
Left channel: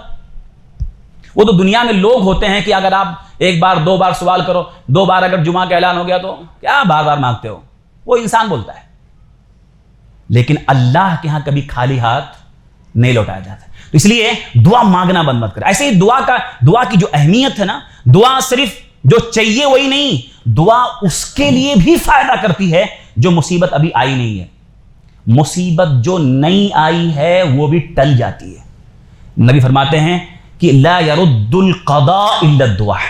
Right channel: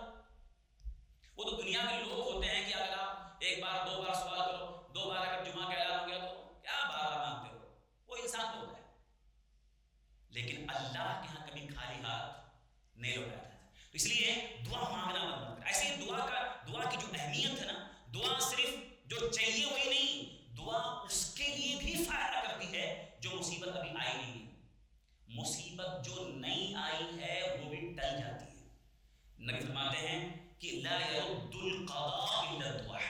وہ تو دنیا میں لوگ ہوتے ہیں کہ اگر آپ 1 بار 2 بار سوال کرو، 2 بار اگر جمعہ کا اعلان ہو گیا تو کیا بار بار مانگتے ہو، وہ انسان بولتا ہے، لیکن اللہ کے ہاں کبھی خالی ہاتھ نہیں لوٹایا جاتا۔ تو اس لیے دعا مانگنا بند مت کرے۔ ایسے ہی دعا کی جو اہمیت ہے نا، دعا صرف جو چاہیے وہی نہیں، دعا اس کے لیے بھی فائدہ کرتی ہے جو مصیبت ابھی آئی نہیں ہے، مصیبت جو نہیں آئی ہے وہ بھی ٹل جاتی ہے۔ نبی فرماتے ہیں کہ لا يرد القضاء الا الدعاء،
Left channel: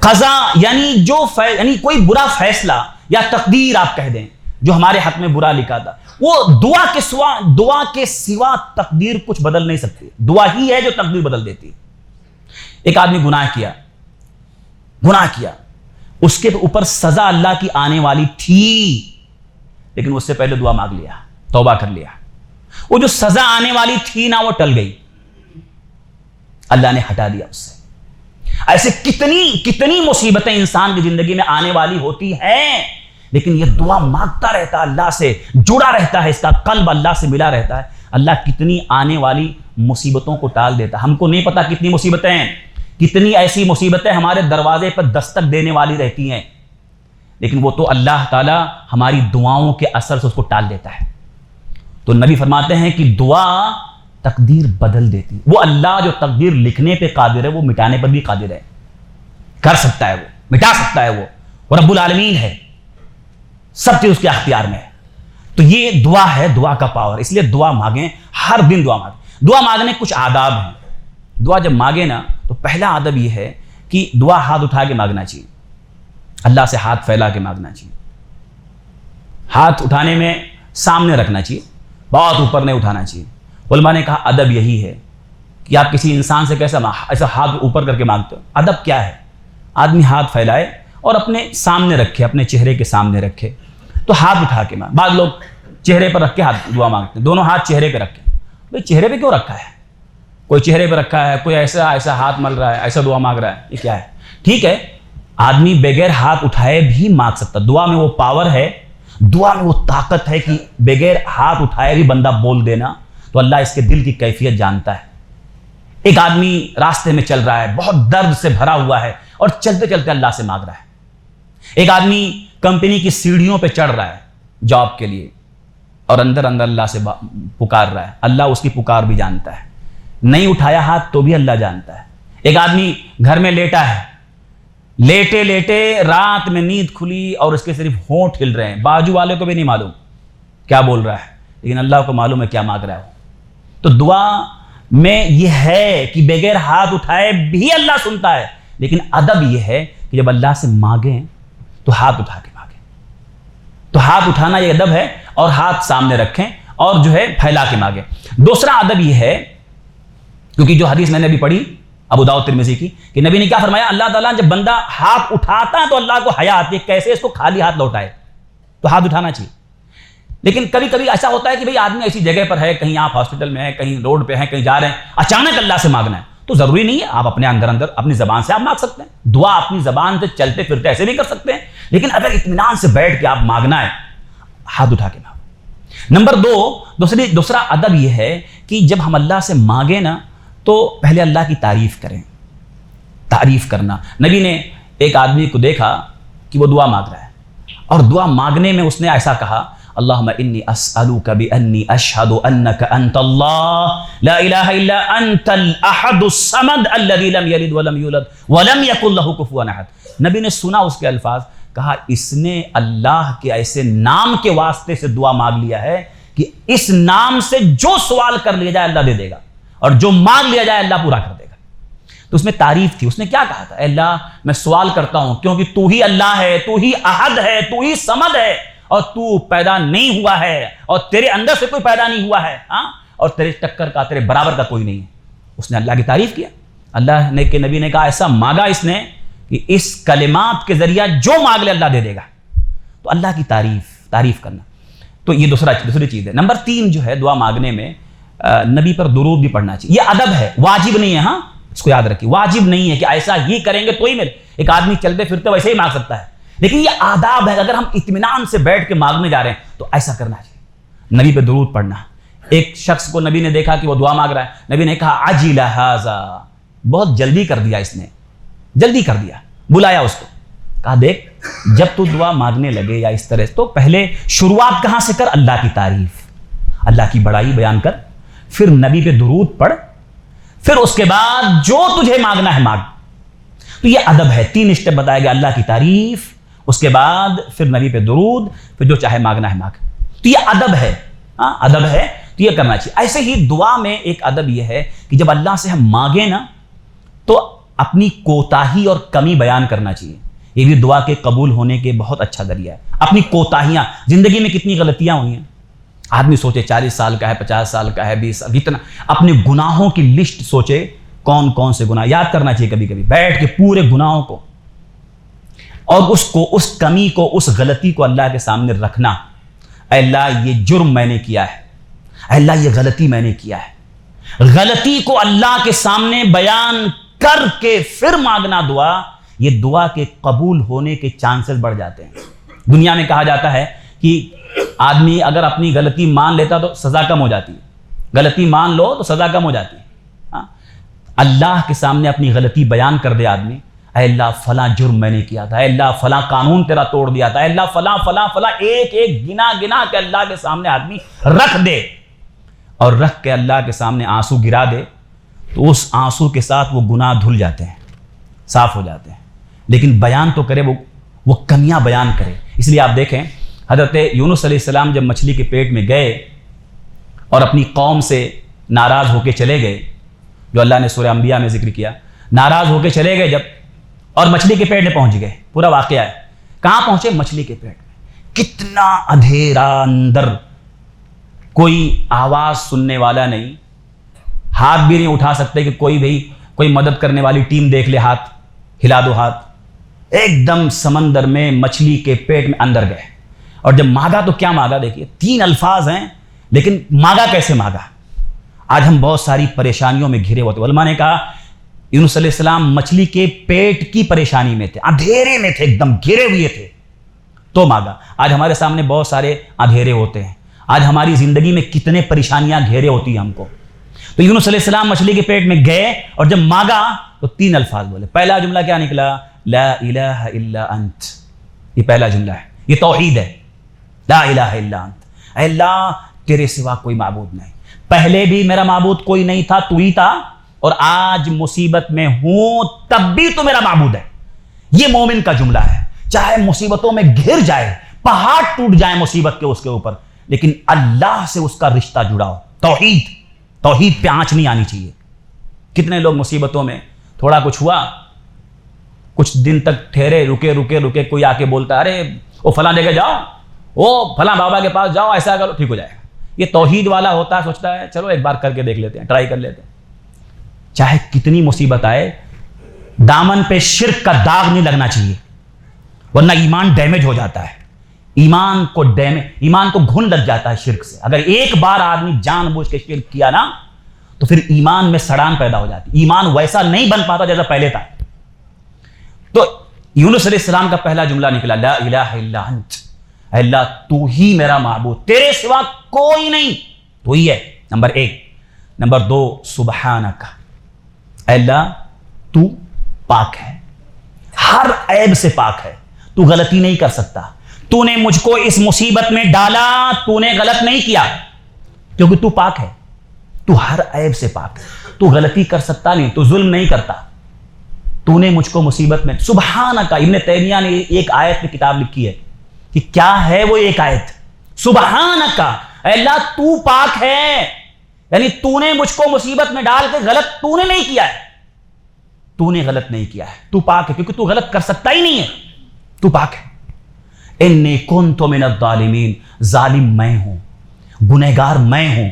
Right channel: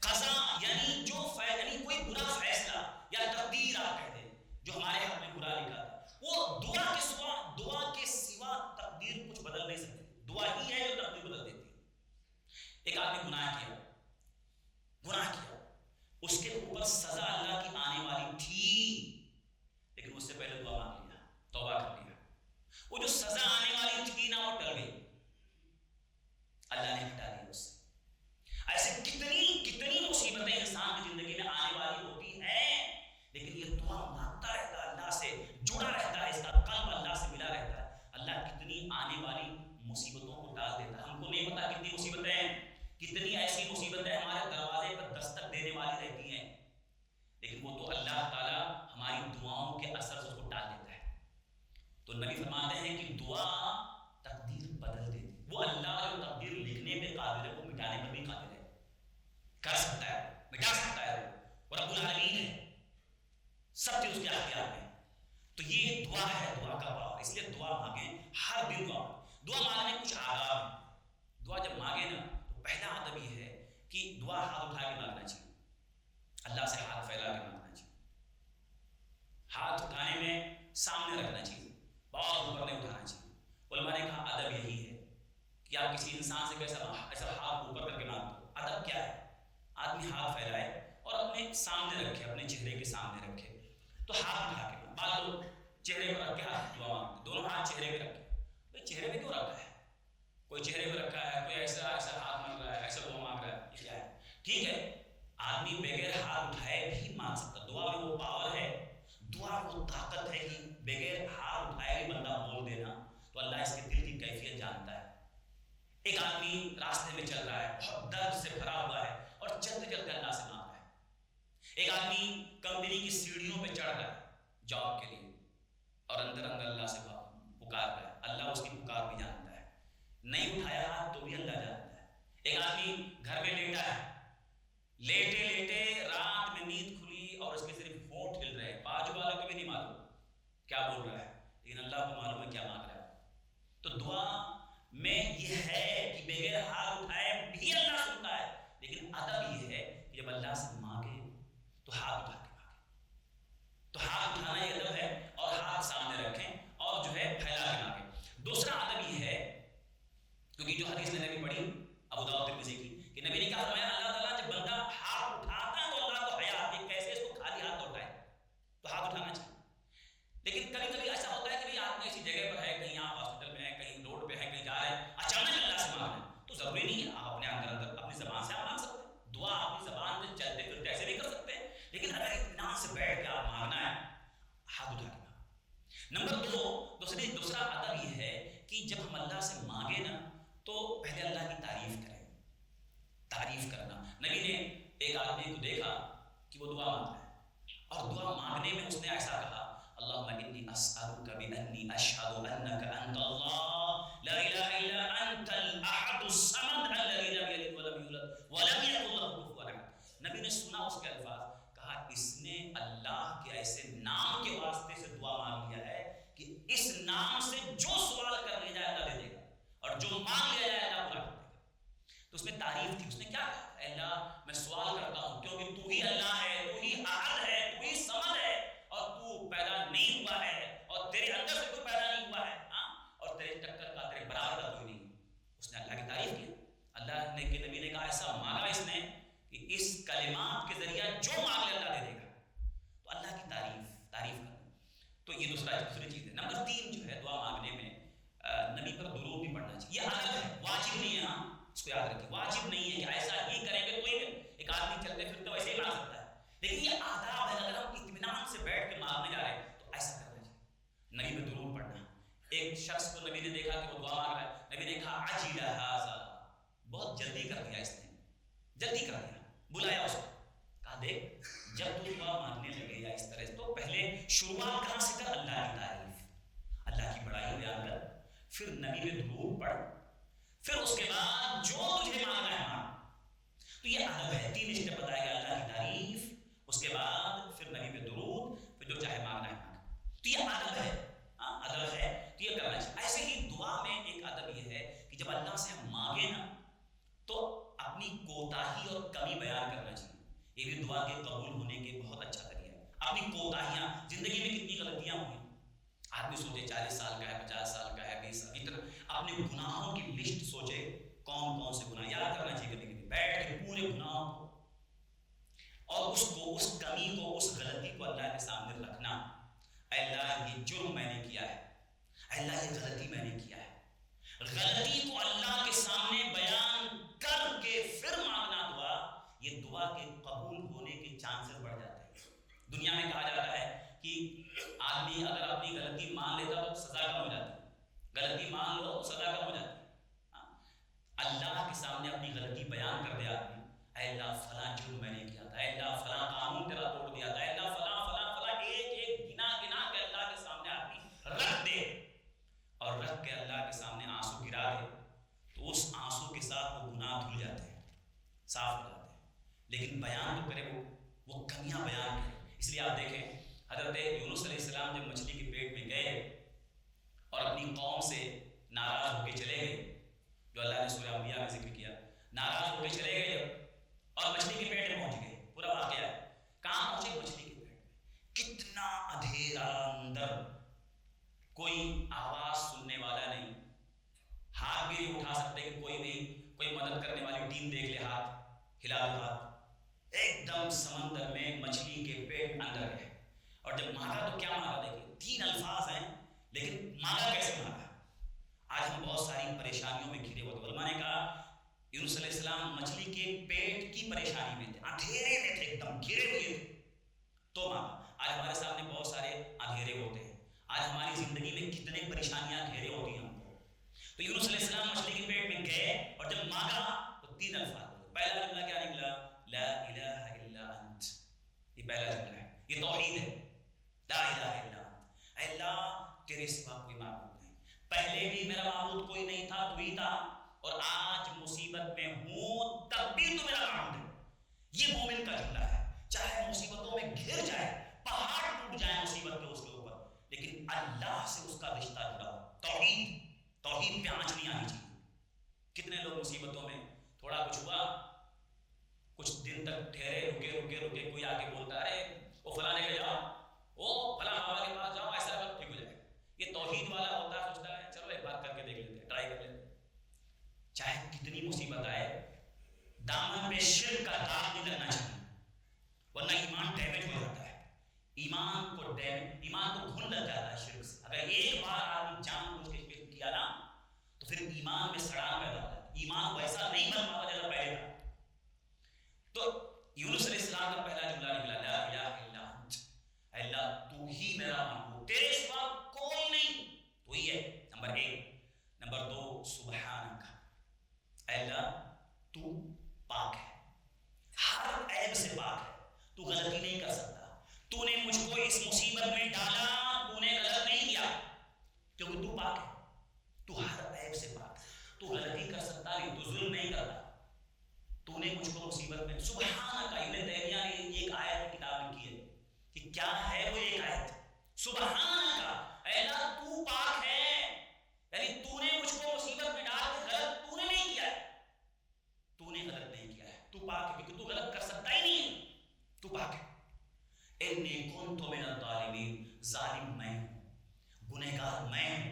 قضاء یعنی کوئی برا فیصلہ یا تقدیر آپ کہہ دیں جو ہمارے حق میں برا لکھا تھا، وہ دعا کے سوا تقدیر کچھ بدل نہیں سکتی، دعا ہی ہے جو تقدیر بدل دیتی۔ ایک آدمی گناہ کیا، اس کے اوپر سزا اللہ کی آنے والی تھی، لیکن اس سے پہلے دعا مانگ لیا، توبہ کر لیا، وہ جو سزا آنے والی تھی نا وہ ٹل گئی، اللہ نے ہٹا دیا اس سے۔ ایسے کتنی مصیبتیں انسان کی زندگی میں آنے والی ہوتی ہیں، لیکن یہ دعا مانگتا رہتا ہے، اللہ سے جڑا رہتا ہے، اس کا قلب اللہ سے ملا رہتا ہے، اللہ کتنی آنے والی مصیبتوں کو ٹال دیتا ہے۔ ہم کو نہیں پتا کتنی مصیبتیں ہیں، کتنی ایسی مصیبتیں ہمارے دروازے پر دستک دینے والی رہتی ہیں، لیکن وہ تو اللہ تعالی ہماری دعاؤں کے اثر سے اس کو ٹال دیتا ہے۔ تو نبی فرماتے ہیں کہ دعا تقدیر بدل دیتی، وہ اللہ جو تقدیر لکھنے پہ قادر ہے وہ مٹانے پر بھی قادر ہے، کر سکتا ہے، وہ مٹا سکتا ہے، وہ رب العالمین ہے، سب چیز اس کے اختیار میں ہے۔ تو یہ دعا ہے، دعا کا پاور، اس لیے دعا مانگیں، ہر دن دعا مانگیں۔ دعا مانگنے کچھ آداب ہیں۔ دعا جب مانگے نا تو پہلا آدب یہ ہے کہ دعا ہاتھ اٹھا کے مانگنا چاہیے، اللہ سے ہاتھ پھیلا کے مانگنا چاہیے۔ ہاتھ اٹھانے میں سامنے رکھنا چاہیے، بہت اوپر نہیں اٹھانا چاہیے۔ علماء نے کہا ادب یہی ہے کہ آپ کسی انسان سے ایسا ہاتھ اوپر کر کے مانگتے ہو۔ ادب کیا ہے؟ آدمی ہاتھ پھیلائے اور اپنے سامنے رکھے، اپنے چہرے کے سامنے رکھے، تو ہاتھ اٹھا کے مانگ۔ بعض لوگ چہرے پر رکھ کے ہاتھ دعا مانگتے ہیں، دونوں ہاتھ چہرے پہ رکھے۔ بھائی چہرے پہ کیوں رکھا ہے؟ کوئی چہرے پہ رکھا ہے، کوئی ایسا ہاتھ مل رہا ہے، ایسا دعا مانگ رہا ہے، یہ کیا ہے؟ ٹھیک ہے، آدمی بغیر ہاتھ اٹھائے بھی مانگ سکتا، دعا میں وہ پاور ہے، دعا میں وہ طاقت ہے کہ بغیر ہاتھ اٹھائے بھی بندہ بول دینا، تو اللہ اس کے دل کی کیفیت جانتا ہے۔ ایک آدمی راستے میں چل رہا ہے، بہت درد سے بھرا ہوا ہے اور چلتے چلتے اللہ سے مانگ رہا ہے۔ ایک آدمی کمپنی کی سیڑھیوں پہ چڑھ رہا ہے جاب کے لیے اور اندر اللہ سے پکار رہا ہے، اللہ اس کی پکار بھی جانتا ہے، نہیں اٹھایا ہاتھ تو بھی اللہ جانتا ہے۔ ایک آدمی گھر میں لیٹا ہے، لیٹے لیٹے رات میں نیند کھلی اور اس کے صرف ہونٹ ہل رہے ہیں، بازو والے کو بھی نہیں معلوم کیا بول رہا ہے، لیکن اللہ کو معلوم ہے کیا مانگ رہا ہے۔ تو دعا میں یہ ہے کہ بغیر ہاتھ اٹھائے بھی اللہ سنتا ہے، لیکن ادب یہ ہے کہ جب اللہ سے مانگیں تو ہاتھ اٹھا کے مانگیں۔ تو ہاتھ اٹھانا یہ ادب ہے، اور ہاتھ سامنے رکھیں اور جو ہے پھیلا کے مانگیں۔ دوسرا ادب یہ ہے، کیونکہ جو حدیث میں نے ابھی پڑھی ابو داؤد ترمذی کی، کہ نبی نے کیا فرمایا، اللہ تعالیٰ جب بندہ ہاتھ اٹھاتا ہے تو اللہ کو حیا آتی ہے کیسے اس کو خالی ہاتھ لوٹائے، تو ہاتھ اٹھانا چاہیے۔ لیکن کبھی کبھی ایسا ہوتا ہے کہ بھئی آدمی ایسی جگہ پر ہے، کہیں آپ ہاسپٹل میں ہیں، کہیں روڈ پہ ہیں، کہیں جا رہے ہیں، اچانک اللہ سے مانگنا ہے، تو ضروری نہیں ہے، آپ اپنے اندر اپنی زبان سے آپ مانگ سکتے ہیں، دعا اپنی زبان سے چلتے پھرتے ایسے بھی کر سکتے ہیں، لیکن اگر اطمینان سے بیٹھ کے آپ مانگنا ہے، ہاتھ اٹھا کے مانگو۔ نمبر دوسرا ادب یہ ہے کہ جب ہم اللہ سے مانگیں نا تو پہلے اللہ کی تعریف کریں۔ تعریف کرنا، نبی نے ایک آدمی کو دیکھا کہ وہ دعا مانگ رہا ہے، اور دعا مانگنے میں اس نے ایسا کہا، اللہم انی اسألوک بانی اشہد انک انت اللہ لا الہ الا انت الاحد الصمد الذی لم یلد ولم یولد ولم یکن لہ کفوا احد۔ نبی نے سنا اس کے الفاظ، کہا اس نے اللہ کے ایسے نام کے واسطے سے دعا مانگ لیا ہے کہ اس نام سے جو سوال کر لیا جائے اللہ دے دے گا، اور جو مانگ لیا جائے اللہ پورا کر دے گا۔ تو اس میں تعریف تھی، اس نے کیا کہا تھا، اے اللہ میں سوال کرتا ہوں کیونکہ تو ہی اللہ ہے، تو ہی احد ہے، تو ہی صمد ہے، اور تو پیدا نہیں ہوا ہے، اور تیرے اندر سے کوئی پیدا نہیں ہوا ہے، اور تیرے ٹکر کا، تیرے برابر کا کوئی نہیں ہے۔ اس نے اللہ کی تعریف کیا، اللہ نے کہ نبی نے کہا ایسا مانگا اس نے کہ اس کلمات کے ذریعہ جو مانگ لے اللہ دے دے گا۔ تو اللہ کی تعریف کرنا، تو یہ دوسری چیز ہے۔ نمبر 3 جو ہے دعا مانگنے میں نبی پر درود بھی پڑھنا چاہیے، یہ ادب ہے، واجب نہیں ہے، اس کو یاد رکھیے، واجب نہیں ہے کہ ایسا ہی کریں گے تو ہی ملے، ایک آدمی چلتے پھرتے ویسے ہی مانگ سکتا ہے، لیکن یہ آداب ہے، اگر ہم اطمینان سے بیٹھ کے مانگنے جا رہے ہیں تو ایسا کرنا چاہیے، نبی پہ درود پڑھنا۔ ایک شخص کو نبی نے دیکھا کہ وہ دعا مانگ رہا ہے، نبی نے کہا عجل ھذا، بہت جلدی کر دیا اس نے، جلدی کر دیا، بلایا اس کو، کہا دیکھ جب تو دعا مانگنے لگے یا اس طرح تو پہلے شروعات کہاں سے کر، اللہ کی تعریف، اللہ کی بڑائی بیان کر، پھر نبی پہ درود پڑھ، پھر اس کے بعد جو تجھے مانگنا ہے مانگ۔ تو یہ ادب ہے، 3 اسٹیپ بتایا گیا، اللہ کی تعریف، اس کے بعد پھر نبی پہ درود، پھر جو چاہے مانگنا ہے مانگ۔ تو یہ ادب ہے، ادب ہے، تو یہ کرنا چاہیے۔ ایسے ہی دعا میں ایک ادب یہ ہے کہ جب اللہ سے ہم مانگیں نا تو اپنی کوتاہی اور کمی بیان کرنا چاہیے، یہ بھی دعا کے قبول ہونے کے بہت اچھا ذریعہ ہے۔ اپنی کوتاہیاں، زندگی میں کتنی غلطیاں ہوئی ہیں، آدمی سوچے 40 سال کا ہے، 50 سال کا ہے، 20 سال، جتنا اپنے گناہوں کی لسٹ سوچے، کون کون سے گناہ یاد کرنا چاہیے، کبھی کبھی بیٹھ کے پورے گناہوں کو، اور اس کمی کو، اس غلطی کو اللہ کے سامنے رکھنا، اے اللہ یہ جرم میں نے کیا ہے، اے اللہ یہ غلطی میں نے کیا ہے، غلطی کو اللہ کے سامنے بیان کر کے پھر مانگنا دعا، یہ دعا کے قبول ہونے کے چانسز بڑھ جاتے ہیں۔ دنیا میں کہا جاتا ہے کہ آدمی اگر اپنی غلطی مان لیتا تو سزا کم ہو جاتی ہے، غلطی مان لو تو سزا کم ہو جاتی ہے۔ اللہ کے سامنے اپنی غلطی بیان کر دے آدمی، اے اللہ فلاں جرم میں نے کیا تھا، اے اللہ فلاں قانون تیرا توڑ دیا تھا، اے اللہ فلاں فلاں فلاں، ایک ایک گنا گنا کے اللہ کے سامنے آدمی رکھ دے، اور رکھ کے اللہ کے سامنے آنسو گرا دے، تو اس آنسو کے ساتھ وہ گناہ دھل جاتے ہیں، صاف ہو جاتے ہیں۔ لیکن بیان تو کرے، وہ کمیاں بیان کرے۔ اس لیے آپ دیکھیں حضرت یونس علیہ السلام جب مچھلی کے پیٹ میں گئے اور اپنی قوم سے ناراض ہو کے چلے گئے، جو اللہ نے سورہ انبیاء میں ذکر کیا، ناراض ہو کے چلے گئے جب، اور مچھلی کے پیٹ میں پہنچ گئے، پورا واقعہ ہے، کہاں پہنچے، مچھلی کے پیٹ میں، کتنا اندھیرا اندر، کوئی آواز سننے والا نہیں، ہاتھ بھی نہیں اٹھا سکتے کہ کوئی مدد کرنے والی ٹیم دیکھ لے، ہاتھ ہلا دو، ہاتھ، ایک دم سمندر میں مچھلی کے پیٹ میں اندر گئے۔ اور جب مانگا تو کیا مانگا، دیکھیے 3 الفاظ ہیں، لیکن مانگا کیسے مانگا۔ آج ہم بہت ساری پریشانیوں میں گھرے ہوتے، علماء نے کہا یونس علیہ السلام مچھلی کے پیٹ کی پریشانی میں تھے، اندھیرے میں تھے، ایک دم گھرے ہوئے تھے، تو مانگا۔ آج ہمارے سامنے بہت سارے اندھیرے ہوتے ہیں، آج ہماری زندگی میں کتنے پریشانیاں گھیرے ہوتی ہیں ہم کو۔ تو یونس علیہ السلام مچھلی کے پیٹ میں گئے اور جب مانگا تو 3 الفاظ بولے۔ پہلا جملہ کیا نکلا، لا الہ الا انت، یہ پہلا جملہ ہے، یہ توحید ہے، لا الہ الا انت، اے اللہ تیرے سوا کوئی معبود نہیں، پہلے بھی میرا معبود کوئی نہیں تھا، تو ہی تھا، اور آج مصیبت میں ہوں تب بھی تو میرا معبود ہے۔ یہ مومن کا جملہ ہے، چاہے مصیبتوں میں گھر جائے، پہاڑ ٹوٹ جائے مصیبت کے اس کے اوپر، لیکن اللہ سے اس کا رشتہ جڑا ہو، توحید پہ آنچ نہیں آنی چاہیے۔ کتنے لوگ مصیبتوں میں تھوڑا کچھ ہوا، کچھ دن تک ٹھہرے، رکے، کوئی آ کے بولتا ہے ارے وہ فلاں جگہ جاؤ، وہ فلاں بابا کے پاس جاؤ، ایسا کرو ٹھیک ہو جائے گا۔ یہ توحید والا ہوتا ہے، سوچتا ہے چلو ایک بار کر کے دیکھ لیتے ہیں، ٹرائی کر لیتے ہیں۔ چاہے کتنی مصیبت آئے، دامن پہ شرک کا داغ نہیں لگنا چاہیے، ورنہ ایمان ڈیمیج ہو جاتا ہے۔ ایمان کو گھن لگ جاتا ہے شرک سے. اگر ایک بار آدمی جان بوجھ کے شرک کیا نا تو پھر ایمان میں سڑان پیدا ہو جاتی. ایمان ویسا نہیں بن پاتا جیسا پہلے تھا. تو یونس علیہ السلام کا پہلا جملہ نکلا لا الہ الا انت. اے اللہ تو ہی میرا معبود, تیرے سوا کوئی نہیں, تو ہی ہے. نمبر 1. نمبر 2 سبحانک, اے اللہ تو پاک ہے, ہر عیب سے پاک ہے, تو غلطی نہیں کر سکتا. تو نے مجھ کو اس مصیبت میں ڈالا, تو نے غلط نہیں کیا کیونکہ تو پاک ہے, تو ہر عیب سے پاک ہے, تو غلطی کر سکتا نہیں, تو ظلم نہیں کرتا. تو نے مجھ کو مصیبت میں. سبحانک, ابن تیمیہ نے ایک آیت میں کتاب لکھی ہے کہ کیا ہے وہ ایک آیت, سبحانک, اے اللہ تو پاک ہے, یعنی تو نے مجھ کو مصیبت میں ڈال کے غلط تو نے نہیں کیا ہے, تو نے غلط نہیں کیا ہے, تو پاک ہے کیونکہ تو غلط کر سکتا ہی نہیں ہے, تو پاک ہے. انی کنت من الظالمین, ظالم میں ہوں, گنہگار میں ہوں,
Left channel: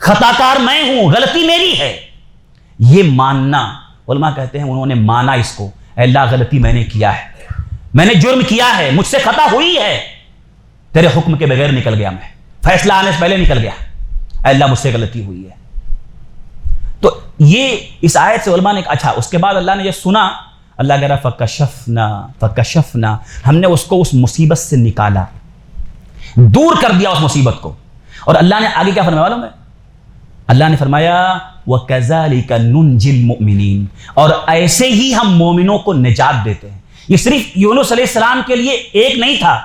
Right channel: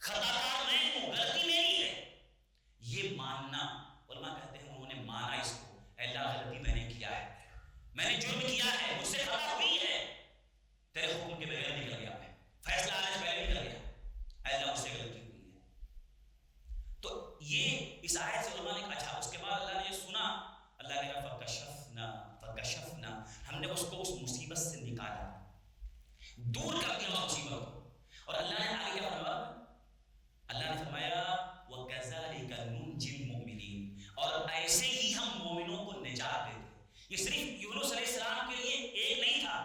خطاکار میں ہوں, غلطی میری ہے. یہ ماننا, علماء کہتے ہیں انہوں نے مانا اس کو, اے اللہ غلطی میں نے کیا ہے, میں نے جرم کیا ہے, مجھ سے خطا ہوئی ہے, تیرے حکم کے بغیر نکل گیا, میں فیصلہ آنے سے پہلے نکل گیا, اے اللہ مجھ سے غلطی ہوئی ہے. تو یہ اس آیت سے علماء نے اچھا, اس کے بعد اللہ نے یہ سنا, اللہ کہہ رہا فکشفنا, ہم نے اس کو اس مصیبت سے نکالا, دور کر دیا اس مصیبت کو. اور اللہ نے آگے کیا فرمایا معلوم ہے؟ اللہ نے فرمایا وَكَذَلِكَ نُنْجِي الْمُؤْمِنِينَ, اور ایسے ہی ہم مومنوں کو نجات دیتے ہیں. یہ صرف یونس علیہ السلام کے لیے ایک نہیں تھا,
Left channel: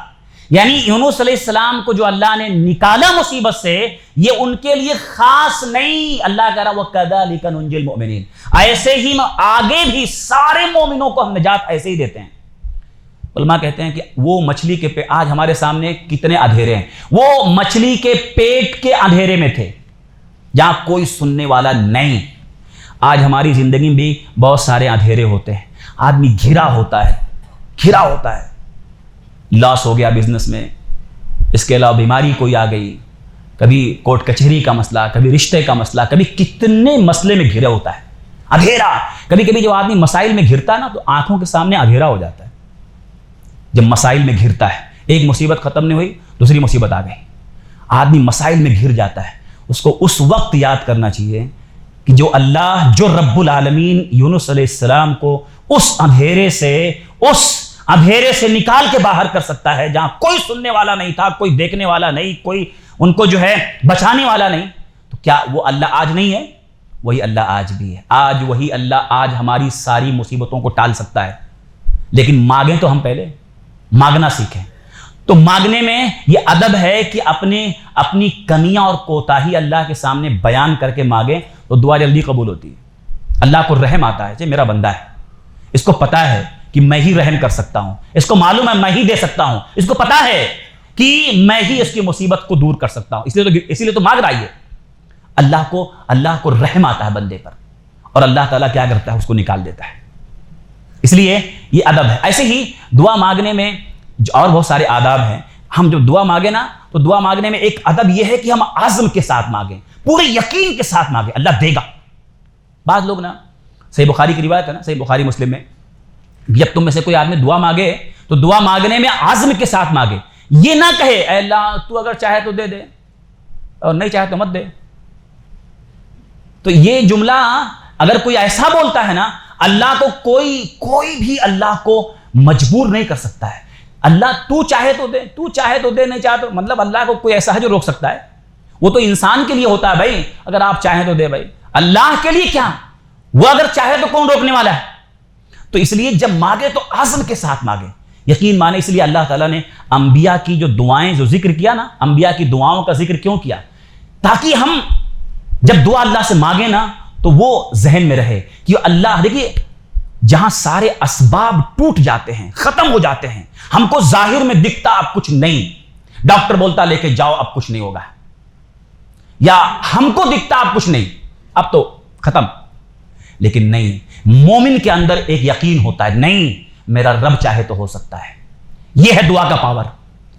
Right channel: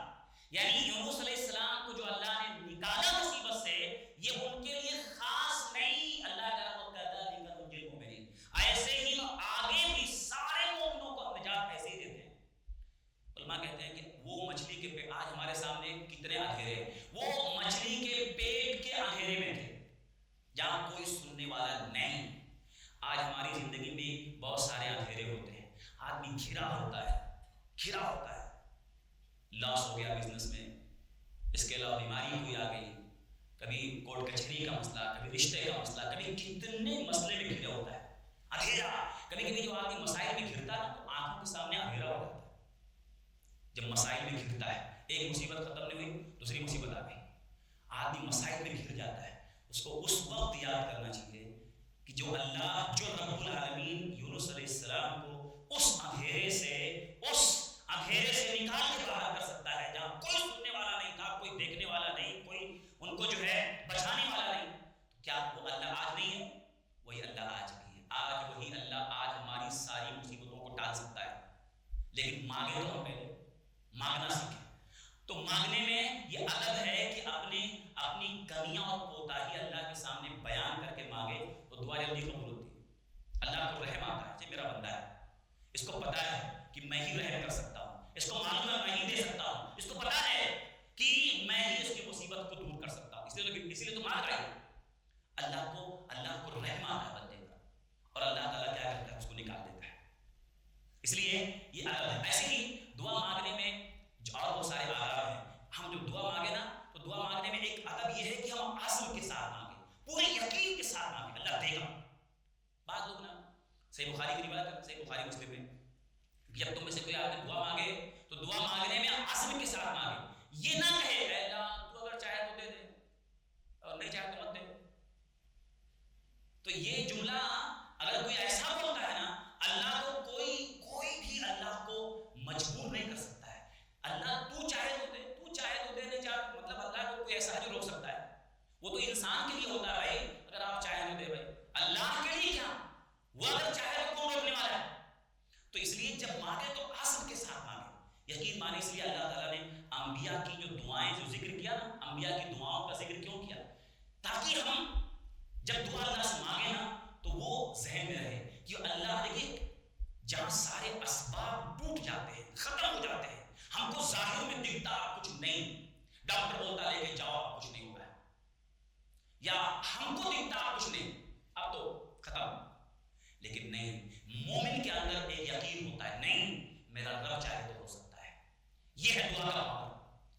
یعنی یونس علیہ السلام کو جو اللہ نے نکالا مصیبت سے, یہ ان کے لیے خاص نہیں. اللہ کہہ رہا وَكَذَلِكَ نُنْجِي الْمُؤْمِنِينَ, ایسے ہی آگے بھی سارے مومنوں کو ہم نجات ایسے ہی دیتے ہیں. علماء کہتے ہیں کہ وہ مچھلی کے آج ہمارے سامنے کتنے اندھیرے ہیں, وہ مچھلی کے پیٹ کے اندھیرے میں تھے جہاں کوئی سننے والا نہیں. آج ہماری زندگی میں بھی بہت سارے اندھیرے ہوتے ہیں, آدمی گھرا ہوتا ہے, لاس ہو گیا بزنس میں, اس کے علاوہ بیماری کوئی آ گئی, کبھی کورٹ کچہری کا مسئلہ, کبھی رشتے کا مسئلہ, کبھی کتنے مسئلے میں گھرا ہوتا ہے, اندھیرا. کبھی کبھی جب آدمی مسائل میں گھرتا ہے نا تو آنکھوں کے سامنے اندھیرا ہو جاتا ہے. جب مسائل میں گھرتا ہے, ایک مصیبت ختم نہیں ہوئی دوسری مصیبت آ گئی, آدمی مسائل میں گھر جاتا ہے. اس کو اس وقت یاد کرنا چاہیے کہ جو رب العالمین یونس علیہ السلام کو اس اندھیرے سے نکال کے باہر کر سکتا ہے جہاں کوئی سننے والا نہیں تھا, کوئی دیکھنے والا نہیں, کوئی ان کو جو ہے بچانے والا نہیں, تو کیا وہ اللہ آج نہیں ہے؟ وہی اللہ آج بھی ہے. آج وہی اللہ آج ہماری ساری مصیبتوں کو ٹال سکتا ہے. لیکن مانگیں تو ہم پہلے مانگنا سیکھیں. تو مانگنے میں یہ ادب ہے کہ اپنی کمیاں اور کوتاہی اللہ کے سامنے بیان کر کے مانگیں تو دعا جلدی قبول ہوتی ہے. اللہ کو رحم آتا ہے, میرا بندہ ہے, اس کو پتا ہے کہ میں ہی رحم کر سکتا ہوں, اس کو معلوم ہے میں ہی دے سکتا ہوں, اس کو پتا ہے کہ میں ہی اس کی مصیبت کو دور کر سکتا ہوں, اسی لیے تو مانگ رہا ہے. اللہ کو رحم آتا ہے بندے پر, اور اللہ تعالیٰ کیا کرتا ہے, اس کو نکال دیتا ہے. اس لیے یہ ادب ہے. ایسے ہی دعا مانگنے میں اور بہت سارے آداب ہیں. ہم جب دعا مانگے نا تو دعا مانگنے میں ایک ادب یہ ہے کہ ہم عزم کے ساتھ مانگیں, پورے یقین کے ساتھ مانگیں, اللہ دے گا. بعض لوگ نا, صحیح بخاری کی روایت ہے نا, صحیح بخاری مسلم میں, جب تم میں سے کوئی آدمی دعا مانگے تو دعا مانگنے میں عزم کے ساتھ مانگے. یہ نہ کہے اے اللہ تو اگر چاہے تو دے دے اور نہیں چاہے تو مت دے. تو یہ جملہ اگر کوئی ایسا بولتا ہے نا, اللہ کو کوئی بھی اللہ کو مجبور نہیں کر سکتا ہے. اللہ تو چاہے تو دے, نہیں چاہے تو, مطلب اللہ کو کوئی ایسا ہے جو روک سکتا ہے؟ وہ تو انسان کے لیے ہوتا ہے بھائی, اگر آپ چاہیں تو دے بھائی, اللہ کے لیے کیا, وہ اگر چاہے تو کون روکنے والا ہے؟ تو اس لیے جب مانگے تو عزم کے ساتھ مانگے, یقین مانے. اس لیے اللہ تعالیٰ نے انبیاء کی جو دعائیں جو ذکر کیا نا, انبیاء کی دعاؤں کا ذکر کیوں کیا؟ تاکہ ہم جب دعا اللہ سے مانگے نا تو وہ ذہن میں رہے کہ اللہ, دیکھیے جہاں سارے اسباب ٹوٹ جاتے ہیں, ختم ہو جاتے ہیں, ہم کو ظاہر میں دکھتا اب کچھ نہیں, ڈاکٹر بولتا لے کے جاؤ اب کچھ نہیں ہوگا, یا ہم کو دکھتا اب کچھ نہیں, اب تو ختم. لیکن نہیں, مومن کے اندر ایک یقین ہوتا ہے, نہیں میرا رب چاہے تو ہو سکتا ہے. یہ ہے دعا کا پاور,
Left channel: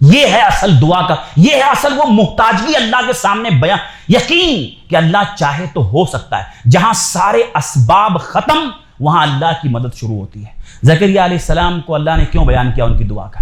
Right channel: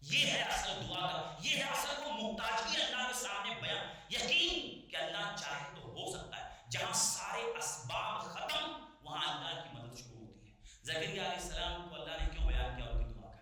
یہ ہے اصل دعا کا, یہ ہے اصل وہ محتاجگی اللہ کے سامنے بیان, یقین کہ اللہ چاہے تو ہو سکتا ہے. جہاں سارے اسباب ختم وہاں اللہ کی مدد شروع ہوتی ہے. زکریا علیہ السلام کو اللہ نے کیوں بیان کیا ان کی دعا کا؟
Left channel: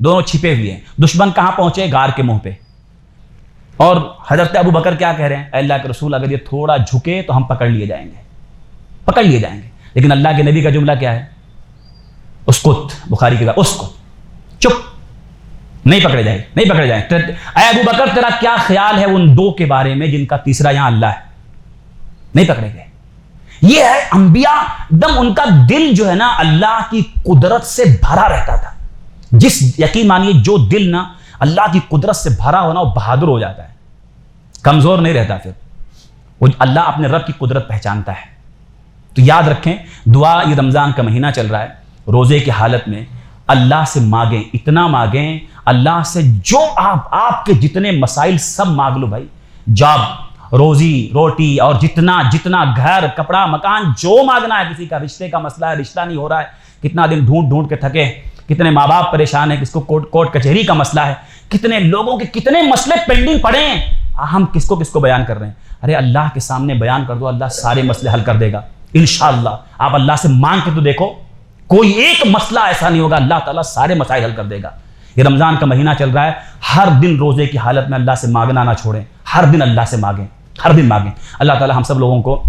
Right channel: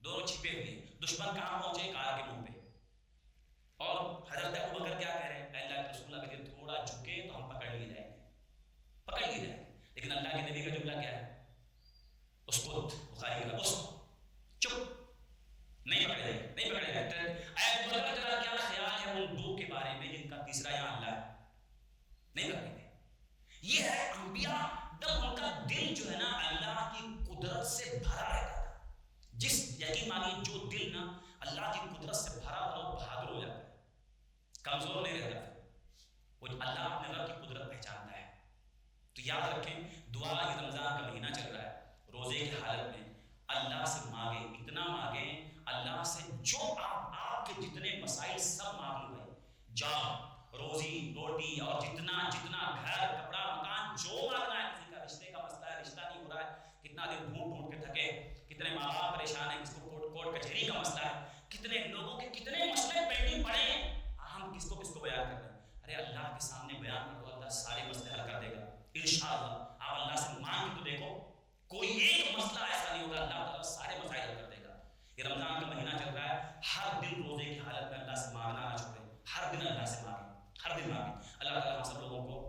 دونوں چھپے ہوئے ہیں. دشمن کہاں پہنچے؟ غار کے منہ پہ. اور حضرت ابو بکر کیا کہہ رہے ہیں؟ اے اللہ کے رسول اگر یہ تھوڑا جھکے تو ہم پکڑ لیے جائیں گے، پکڑ لیے جائیں گے. لیکن اللہ کے نبی کا جملہ کیا ہے؟ اسکت. بخاری کی اسکت، چپ، نہیں پکڑے جائیں، نہیں پکڑے جائیں. اے ابو بکر تیرا کیا خیال ہے ان دو کے بارے میں جن کا تیسرا یہاں اللہ ہے؟ نہیں پکڑے گئے. یہ ہے انبیاء دم ان کا دل جو ہے نا اللہ کی قدرت سے بھرا رہتا تھا. جس یقین مانیے جو دل نا اللہ کی قدرت سے بھرا ہونا وہ بہادر ہو جاتا ہے، کمزور نہیں رہتا. پھر وہ اللہ اپنے رب کی قدرت پہچانتا ہے. تو یاد رکھیں دعا، یہ رمضان کا مہینہ چل رہا ہے، روزے کی حالت میں اللہ سے مانگیں، اتنا مانگیں اللہ سے جو آپ کے جتنے مسائل سب مانگ لو بھائی. جاب، روزی روٹی اور جتنا گھر کپڑا مکان جو مانگنا ہے. کسی کا رشتے کا مسئلہ ہے، رشتہ نہیں ہو رہا ہے، کتنا دن ڈھونڈ کے تھکے، کتنے ماں باپ پریشان ہیں، کس کو کورٹ کچہری کا مسئلہ ہے، کتنے لوگوں کے کتنے مسئلے پینڈنگ پڑے ہیں. ہم کس کو بیان کر رہے ہیں؟ ارے اللہ کے سامنے بیان کر دو، اللہ سارے مسئلے حل کر دے گا انشاءاللہ. آپ اللہ سے مانگ کے تو دیکھو، کوئی ایک مسئلہ ایسا نہیں ہوگا، اللہ تعالیٰ سارے مسائل حل کر دے گا. یہ رمضان کا مہینہ چل رہا ہے، ہر دن روزے کی حالت میں اللہ سے مانگنا نہ چھوڑیں، ہر دن اللہ سے مانگیں، ہر دن مانگیں. اللہ تعالیٰ ہم سب لوگوں کو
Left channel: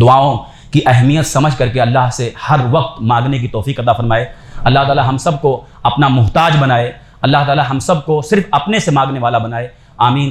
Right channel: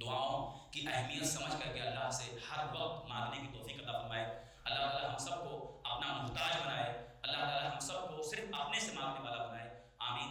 دعاؤں کی اہمیت سمجھ کر کے اللہ سے ہر وقت مانگنے کی توفیق عطا فرمائے. اللہ تعالیٰ ہم سب کو اپنا محتاج بنائے. اللہ تعالیٰ ہم سب کو صرف اپنے سے مانگنے والا بنائے. آمین.